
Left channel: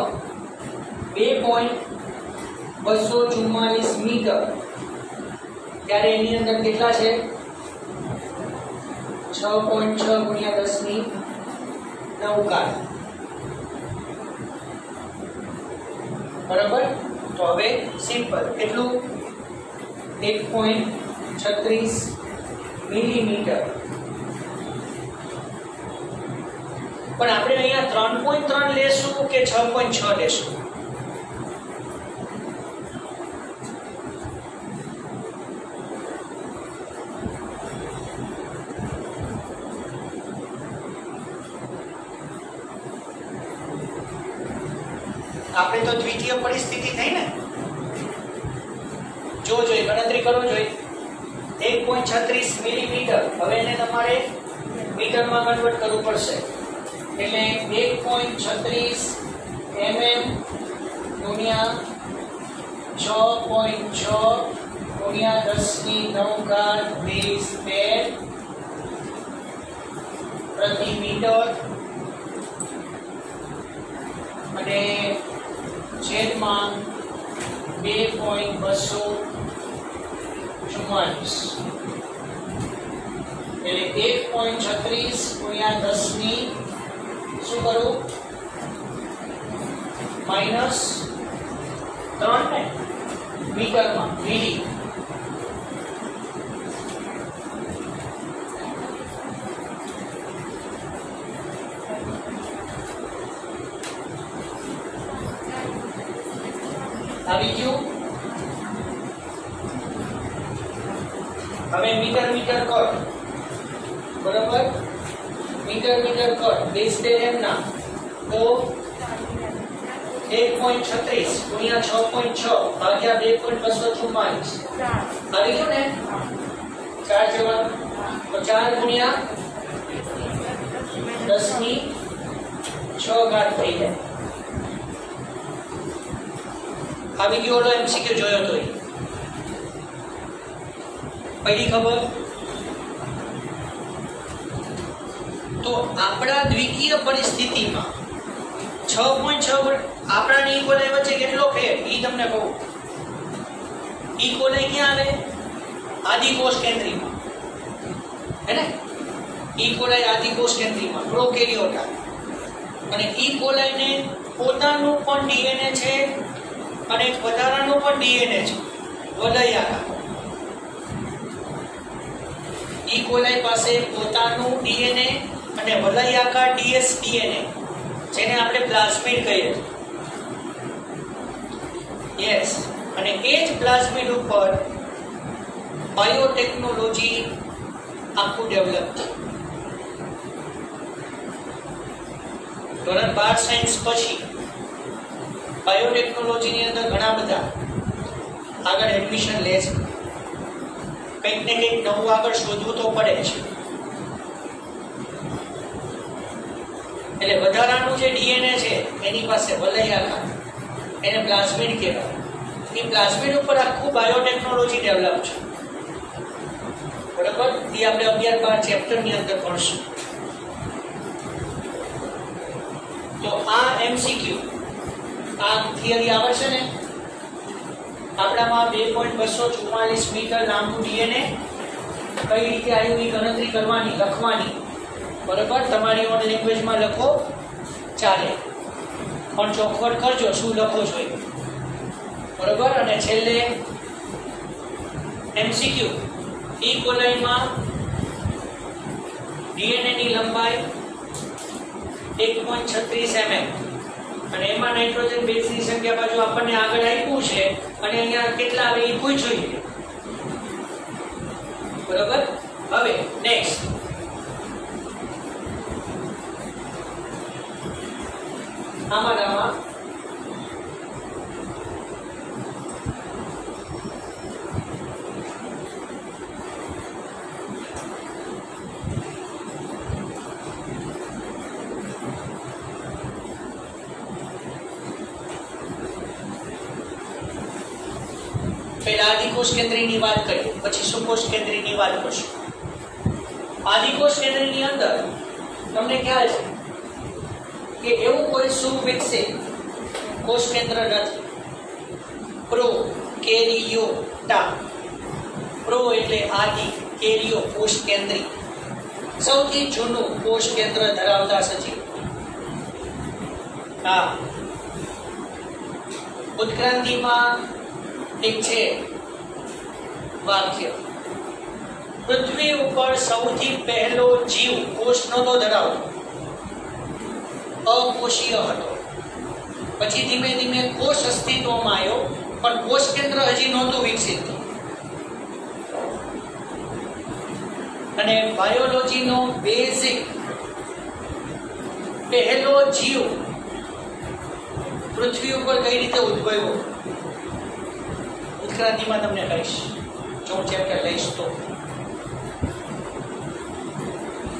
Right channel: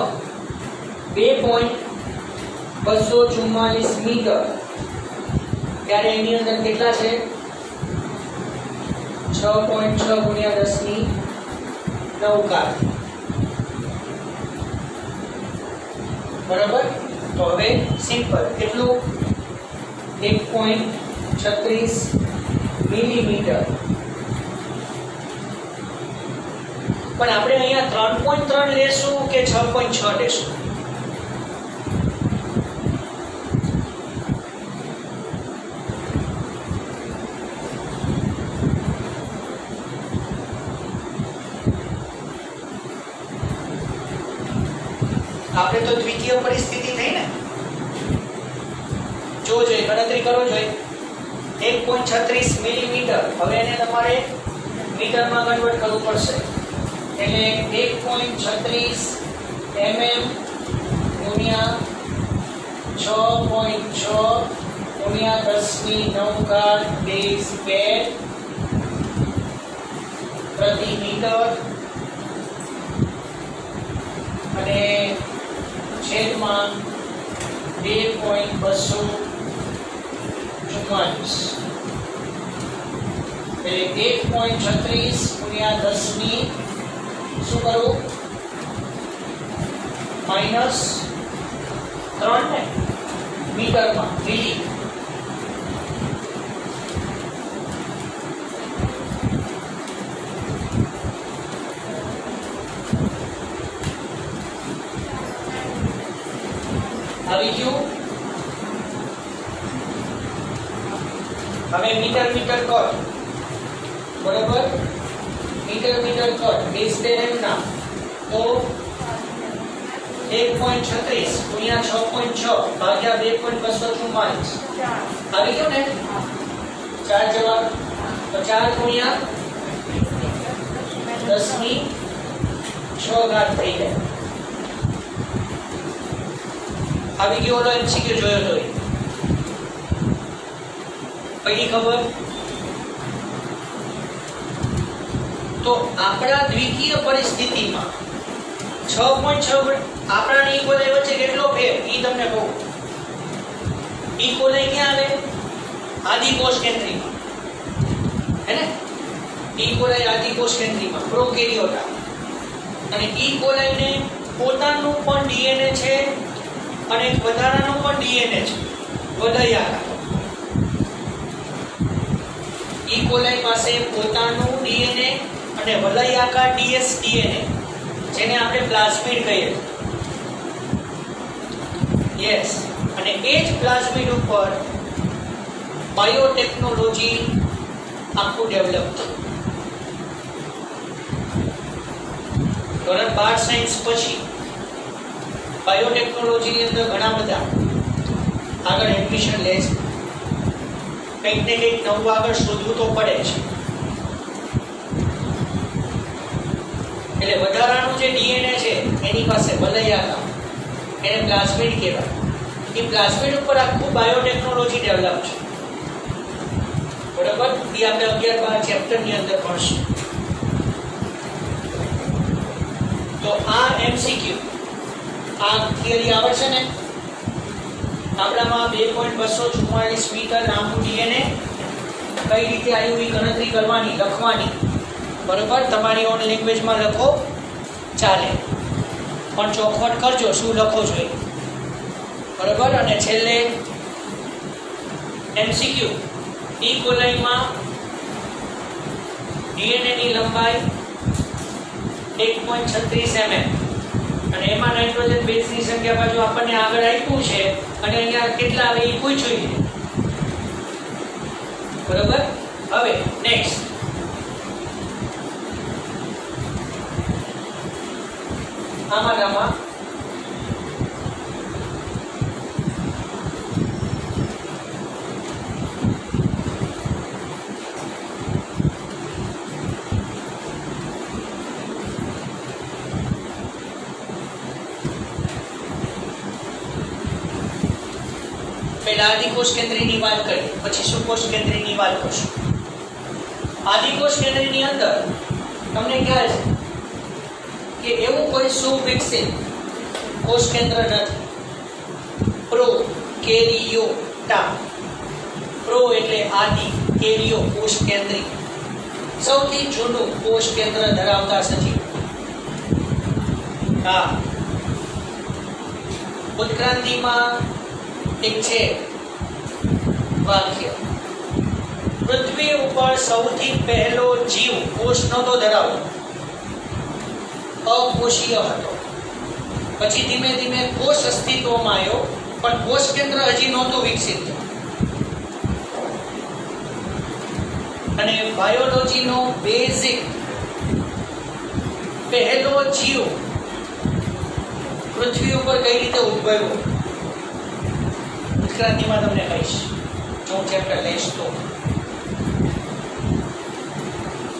2.244 મીટર, ત્યારે એની અંદર કેટલા છે? 6.6 ગુણ્યા 10 ની 9 ઘાત. બરોબર? તો હવે સિમ્પલ કેટલું? 1.36 મિલીમીટર. પણ આપણે અહીંયા 3.3 લેશું કે 6.6 લેશું? આપણે તો દ્વિતીય પરિસ્થિતિ થઈ ને, જોજો ગણતરી કરો જોઈએ. 1.36 મિલીમીટર. હવે એને તમારે મીટરમાં કન્વર્ટ કરવું પડશે. એટલે 1.36 mm ગુણ્યા 6.6 ગુણ્યા 10 ની 9 ઘાત બેઝ પેર પ્રતિ મીટર અને 6.6 છેદમાં 2.244 એટલે 1.36 ગુણ્યા 10 ની શું કરું -3 ને મીટરમાં મીલી આવી ગયું. હવે મીટર મીટર કટ બરોબર મીટર મીટર કટ બેઝ 10 એમ ના તો 1.36 ગુણ્યા 6.6 ભાગ્યા 2.244 આવી ગયો ને 4 જવાબ તો 4 ગુણ્યા 10 ની 6 ઘાત થઈ જાય. આવી ગયો ઓલો એમસીક્યુ જોયો તો પડી ખબર. તો આપણા દ્વિકીય પરિસ્થિતિમાં 6.6 આપણા ઇક્વલાઈ વચ્ચે કેટલો ફેર ઈ તમને કહું. ઇક્વલાઈ ક્યાં આવે આદિ કોષ કેન્દ્રીમાં હે ને ઇક્વલાઈ આદિ કોષ કેન્દ્રીમાં પ્રોકેરિયોટા અને ઇક્વલાઈ ને પોતાનું પણ ડીએનએ છે અને એક વધારાનું પણ ડીએનએ છે વલયાકાર. ઇકોલાઈ પાસે પોતાનું ડીએનએ અને વલયાકાર ડીએસ ડીએનએ જેને આપણે પ્લાઝમિડ કહીએ યસ અને એ જ પ્લાઝમિડ ઉપર બાયોટેકનોલોજી આખું ડેવલપ થયું. ધોરણ 12 સાયન્સ પછી બાયોટેકનોલોજી ની અંદર ઘણા બધા આગળ એડમિશન લે છે. કંઈક ને કંઈક નવું આગળ શોધવું તો પડે છે. એટલે વધારાનું જે ડીએનએ છે એની પાસે વલયાકાર એને પ્લાઝમિડ કહેવાય. એ પ્લાઝમિડ ઉપર આખું બાયોટેકનોલોજી ડેવલપ છે બરાબર. એ આપણે 11-12 ચેપ્ટર ની અંદર ભણશું. તો આ એમસીક્યુ આ થિયરી આવડશે ને આપણામાં 2.244 મીટર લાંબુ ડીએનએ કઈ રીતે આવ્યું એ ગણતરી કરવાની લખવાની બરોબર. તમારી ઓન લેંગ્વેજમાં લખો ચાલે પણ ચોખવટ કરજો શું લખો છો બરોબર. અને છેલ્લે એમસીક્યુ ઈ કોલાઈમાં ડીએનએ ની લંબાઈ 1.36 mm અને એમાં નાઇટ્રોજન બેઝની સંખ્યા બાજુ આપણને આગળ આપ્યું છે અને અહીંયા કેટલા આવે એ પૂછ્યું છે બરોબર. હવે નેક્સ્ટ આમાં પહેલા આદિકોષ કેન્દ્રીની વાત કરી પછી સુકોષ કેન્દ્રીની વાત કરશું. આદિકોષ કેન્દ્રીની અંદર તમને ખ્યાલ છે કે એવું કોઈ સુવિકસિત કોષ કેન્દ્ર નથી. પ્રોકેરિયોટા પ્રો એટલે આદિ કેરિયો કોષ કેન્દ્રી સૌથી જૂનું કોષ કેન્દ્ર ધરાવતા સજીવ. હા ઉત્ક્રાંતિમાં એક છે વાક્ય પૃથ્વી ઉપર સૌથી પહેલો જીવ કોષ નહોતો ધરાવતો અકોષીય હતો. પછી ધીમે ધીમે કોષ અસ્તિત્વમાં આવ્યો પણ કોષ કેન્દ્ર હજી નહોતું વિકસિત. અને બાયોલોજીનો બેઝિક પહેલો જીવ પૃથ્વી ઉપર કઈ રીતે ઉદ્ભવ્યો ઉત્ક્રાંતિમાં તમને કહીશ જો હું ચેપ્ટર લઈશ તો.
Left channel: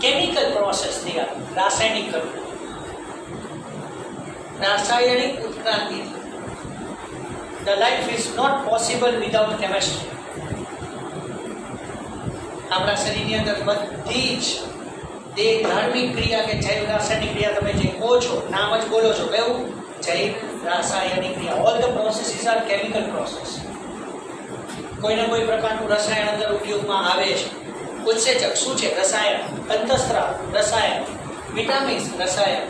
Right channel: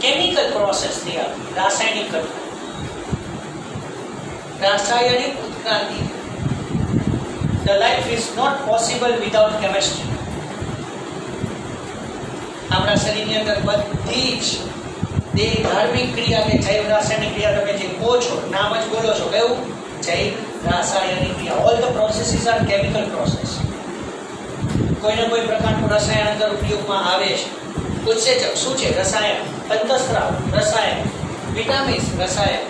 કેમિકલ પ્રોસેસ થી રાસાયણિક રાસાયણિક ઉત્ક્રાંતિ. The life is not possible without chemistry. આપણા શરીરની અંદર બધી જ દેહ ધાર્મિક ક્રિયા કે જૈવ રાસાયણિક ક્રિયા તમે જે કહો છો નામ જ બોલો છો કયું જૈવ રાસાયણિક ક્રિયા. All the processes are chemical process. કોઈને કોઈ પ્રકારનું રસાયણ અંદર ઉપયોગમાં આવે છે. ઉત્સેચક શું છે? રસાયણ. અંતઃસ્ત્રાવ રસાયણ. વિટામિન્સ રસાયણ.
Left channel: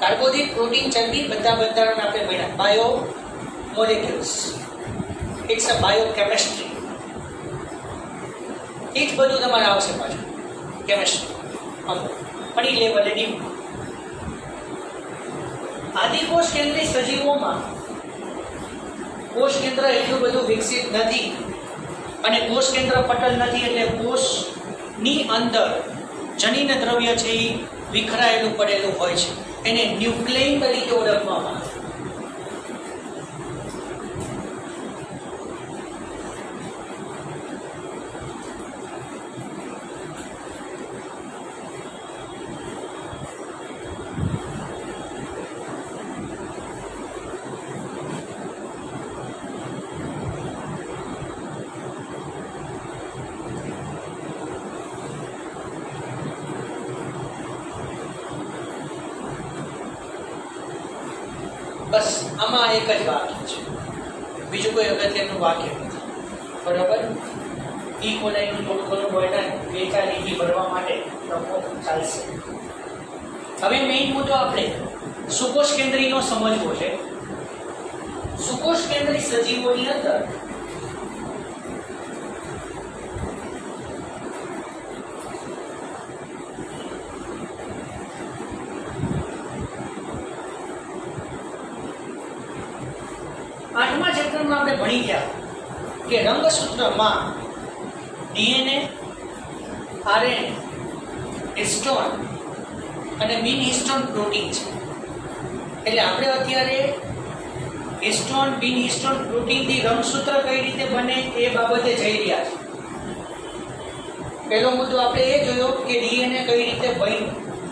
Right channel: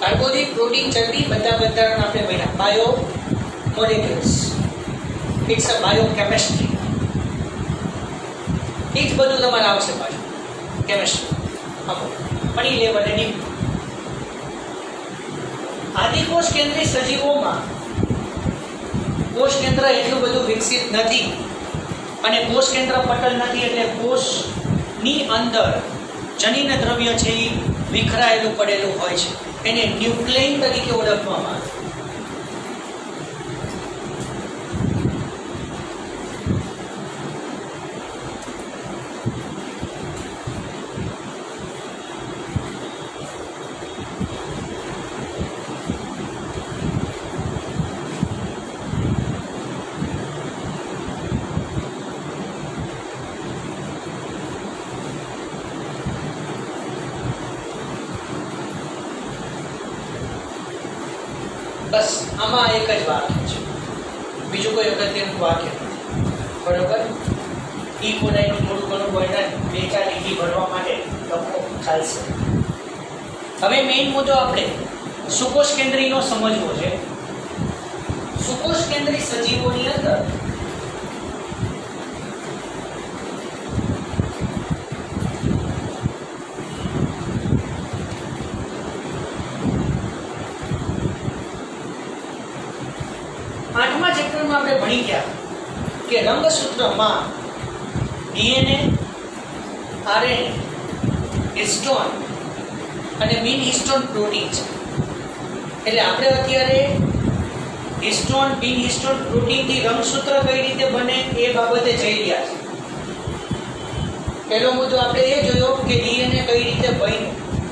કાર્બોદિત, પ્રોટીન, ચરબી બધા બંધારણ આપણે ભણ્યા. Biomolecules. It's a biochemistry. એ જ બધું તમારે આવશે પાછું કેમિસ્ટ્રી. પણ એ લેવલે ડીપ. આદિકોષ કેન્દ્રી સજીવોમાં કોષ કેન્દ્ર એટલું બધું વિકસિત નથી અને કોષ કેન્દ્ર પટલ નથી, એટલે કોષની અંદર જનીન દ્રવ્ય છે એ વિખરાયેલું પડેલું હોય છે. એને ન્યુક્લિયન તરીકે ઓળખવામાં આવે. બસ આમાં એક જ વાક્ય છે, બીજું કોઈ અગત્યનું વાક્ય નથી. બરોબર? ઈ કોલાઈનું થોડું ઘણું વર્ણન 2-4 લીટી ભરવા માટે લખો ચાલશે. હવે મેઇન મુદ્દો આપણે સુકોષ કેન્દ્રીયનો સમજવો છે. સુકોષ કેન્દ્રી સજીવોની અંદર આપણે ભણી ગયા કે રંગસૂત્રમાં ડીએનએ, આરએનએ, હિસ્ટોન અને બિન હિસ્ટોન પ્રોટીન છે. એટલે આપણે અત્યારે હિસ્ટોન બિન હિસ્ટોન પ્રોટીનથી રંગસૂત્ર કઈ રીતે બને એ બાબતે જઈ રહ્યા છે. પહેલો મુદ્દો આપણે એ જોયો કે ડીએનએ કઈ રીતે બન્યું,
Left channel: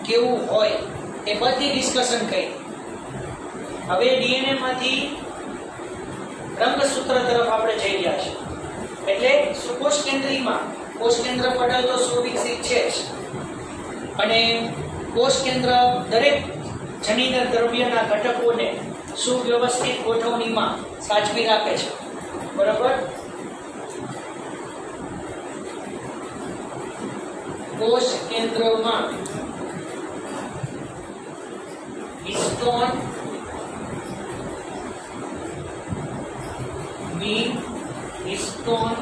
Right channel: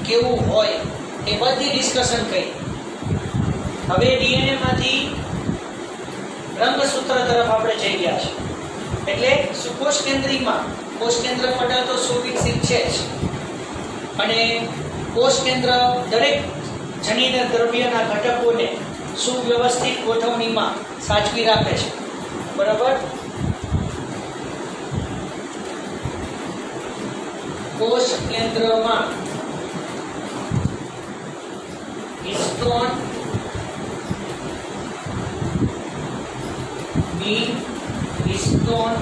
કેવું હોય, એ બધી ડિસ્કશન કરી. હવે ડીએનએ માંથી રંગસૂત્ર તરફ આપણે જઈ રહ્યા છીએ. એટલે સુકોષ કેન્દ્રીમાં કોષ કેન્દ્ર પટલ તો સુવિકસિત છે જ, અને કોષ કેન્દ્ર દરેક જનીન દ્રવ્યના ઘટકોને સુવ્યવસ્થિત ગોઠવણીમાં સાચવી રાખે છે. બરાબર? કોષ કેન્દ્રમાં હિસ્ટોન, બિન હિસ્ટોન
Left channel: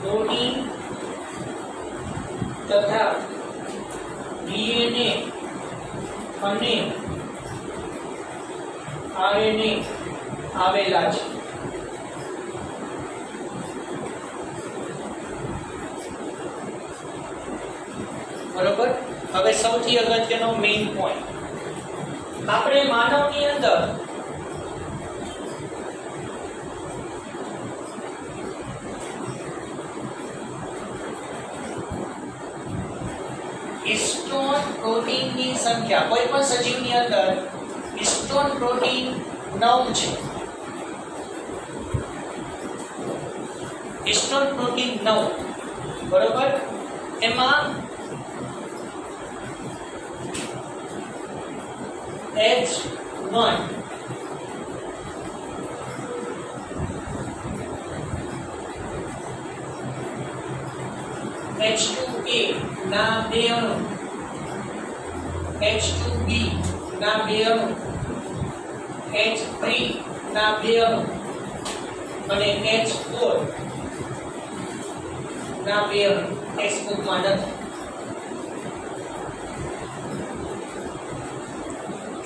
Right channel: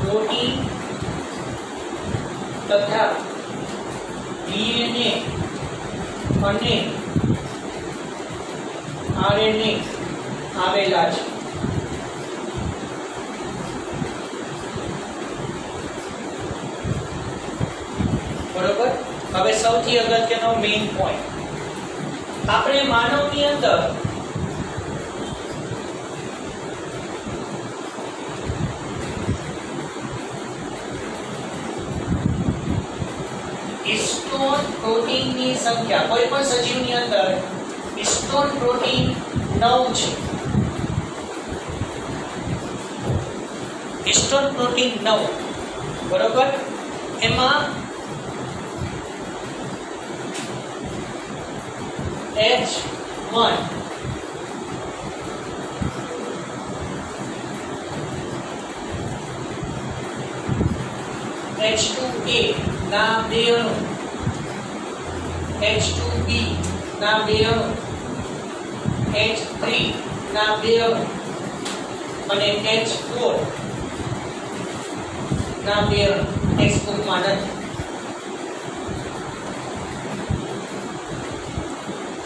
પ્રોટીન તથા ડીએનએ અને આરએનએ આવેલા છે. બરોબર? હવે સૌથી અગત્યનો મેઇન પોઈન્ટ, આપણે માનવની અંદર હિસ્ટોન પ્રોટીનની સંખ્યા, કોઈ પણ સજીવની અંદર હિસ્ટોન પ્રોટીન 9 છે. Histone protein 9. બરોબર? એમાં H1 H2A ના બે અણુ, H2B ના બે અણુ, H3 ના બે અણુ અને H4 ના બે અણુ ટેક્સ્ટબુકમાં નથી.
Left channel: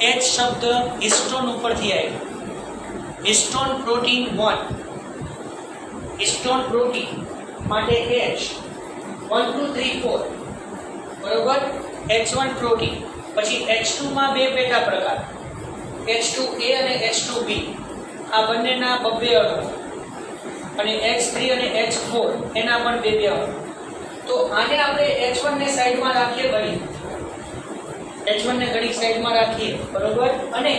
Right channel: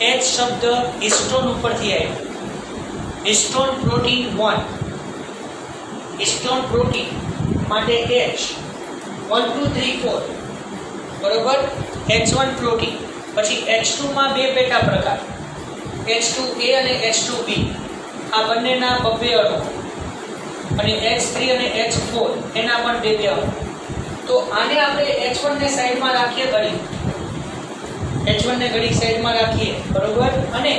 H શબ્દ હિસ્ટોન ઉપરથી આવ્યો. હિસ્ટોન પ્રોટીન 1, હિસ્ટોન પ્રોટીન માટે H 1 2 3 4. બરોબર? H1 protein. પછી H2 માં બે પેટા પ્રકાર, H2A અને H2B. આ બંનેના બબ્બે અણુ, અને H3 અને H4 એના પણ બે અણુ. તો આને આપણે H1 ને સાઈડમાં રાખીએ ઘડી, H1 ને ઘડી સાઈડમાં રાખીએ. બરોબર? અને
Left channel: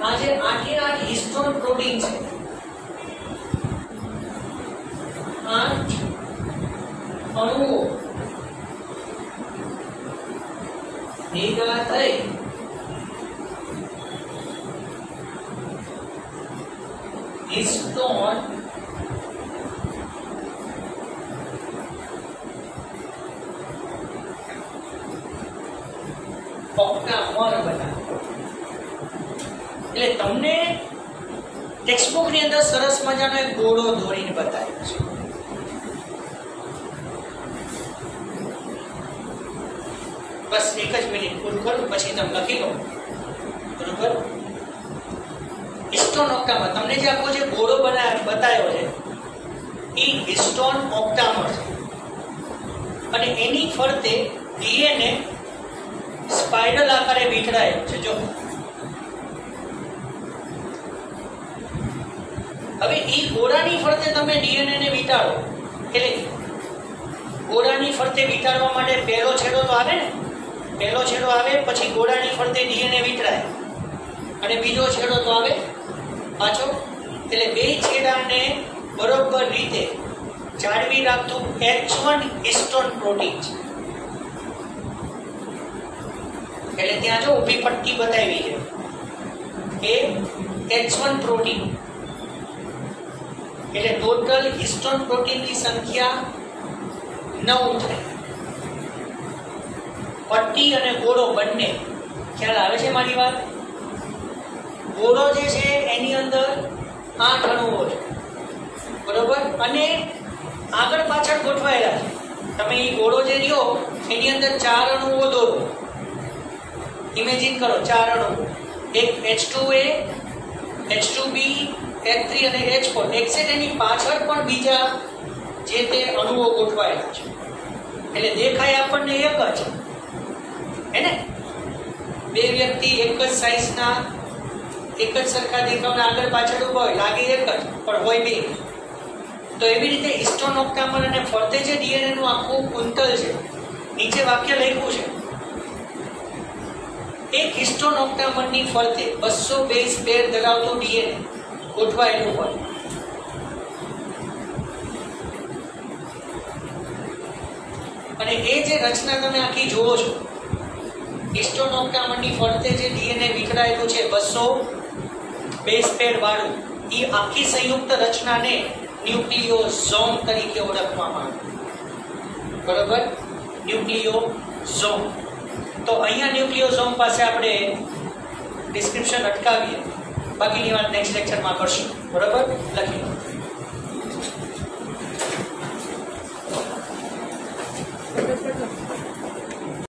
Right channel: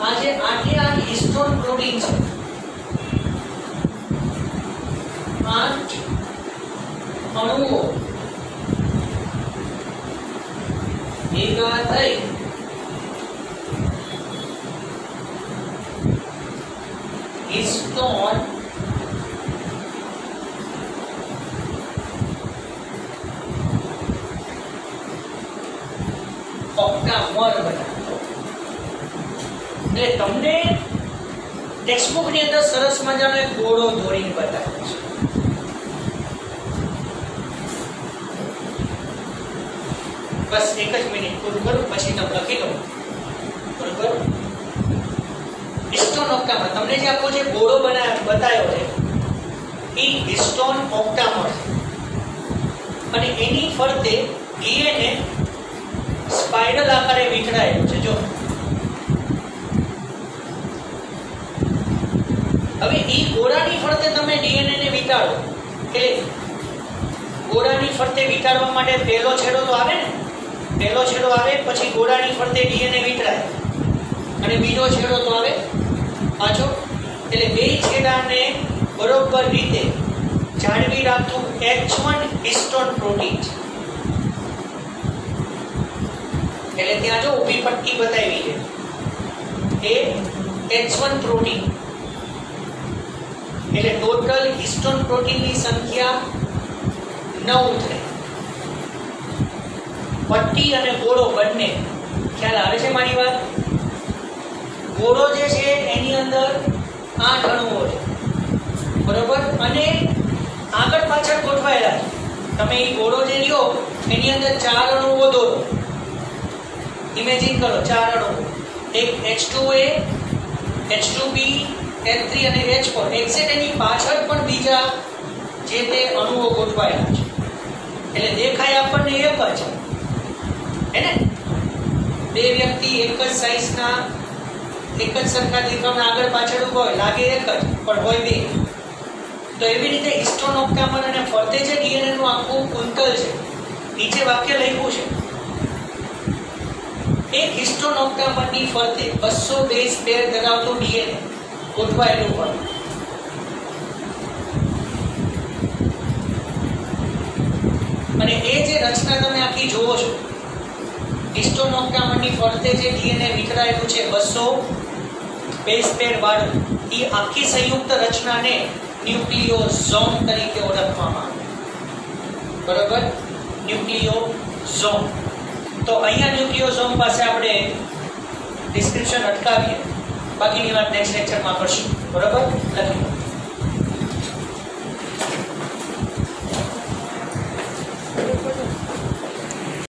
આ જે 8 હિસ્ટોન પ્રોટીન છે, 8 અણુઓ ભેગા થઈ હિસ્ટોન ઓક્ટામર બનાવો. એટલે તમને ટેક્સ્ટબુક ની અંદર સરસ મજાનો એક ગોળો દોરીને બતાવ્યો છે. બસ એક જ મિનિટ પૂરું કરું પછી તમે લખી લો. બરોબર, હિસ્ટોન ઓક્ટામર તમને જે આખો જે ગોળો બતાવ્યો છે એ હિસ્ટોન ઓક્ટામર છે અને એની ફરતે ડીએનએ સ્પાઇરલ આકારે વીંટળાયેલું છે. જો હવે ઈ ગોળાની ફરતે તમે ડીએનએ ને વીંટાળો એટલે ગોળાની ફરતે વીંટાળવા માટે પહેલો છેડો તો આવે ને, પહેલો છેડો આવે પછી ગોળાની ફરતે ડીએનએ વીંટળાય અને બીજો છેડો તો આવે પાછો. એટલે બે છેડાને બરોબર રીતે જાળવી રાખતું H1 હિસ્ટોન પ્રોટીન છે. એટલે ત્યાં જો ઊભી પટ્ટી બતાવી છે એ H1 પ્રોટીન. એટલે ટોટલ હિસ્ટોન પ્રોટીનની સંખ્યા 9 થાય. પટ્ટી અને ગોળો બંને ખ્યાલ આવે છે મારી વાત? ગોળો જે છે એની અંદર 8 અણુઓ છે બરોબર અને આગળ પાછળ ગોઠવાયેલા છે. તમે એ ગોળો જે લ્યો એની અંદર 4 અણુઓ દોરો. ઇમેજિન કરો 4 અણુઓ, એક H2A, H2B, H3 અને H4. એક્ઝેક્ટ એની પાછળ પણ બીજા જે તે અણુઓ ગોઠવાયેલા છે. એટલે દેખાય આપણને એક જ હે ને, બે વ્યક્તિ એક જ સાઈઝના એક જ સરખા દેખાવના આગળ પાછળ ઉભા હોય લાગે એક જ પણ હોય બે. તો એવી રીતે હિસ્ટોન ઓક્ટામર અને ફરતે જે ડીએનએ નું આખું કુંતલ છે નીચે વાક્ય લખ્યું છે એક હિસ્ટોન ઓક્ટામરની ફરતે 200 બેઝ પેર ધરાવતું ડીએનએ ગોઠવાયેલું હોય. અને એ જે રચના તમે આખી જોવો છો હિસ્ટોન ઓક્ટામરની ફરતે જે ડીએનએ વિખરાયેલું છે 200 બેઝ પેર વાળું, એ આખી સંયુક્ત રચનાને ન્યુક્લિયોઝોમ તરીકે ઓળખવામાં આવે. બરોબર, ન્યુક્લિયોઝોમ. તો અહીંયા ન્યુક્લિયોઝોમ પાસે આપણે ડિસ્ક્રિપ્શન અટકાવીએ, બાકીની વાત નેક્સ્ટ લેક્ચરમાં કરશું. બરોબર, લખી લો.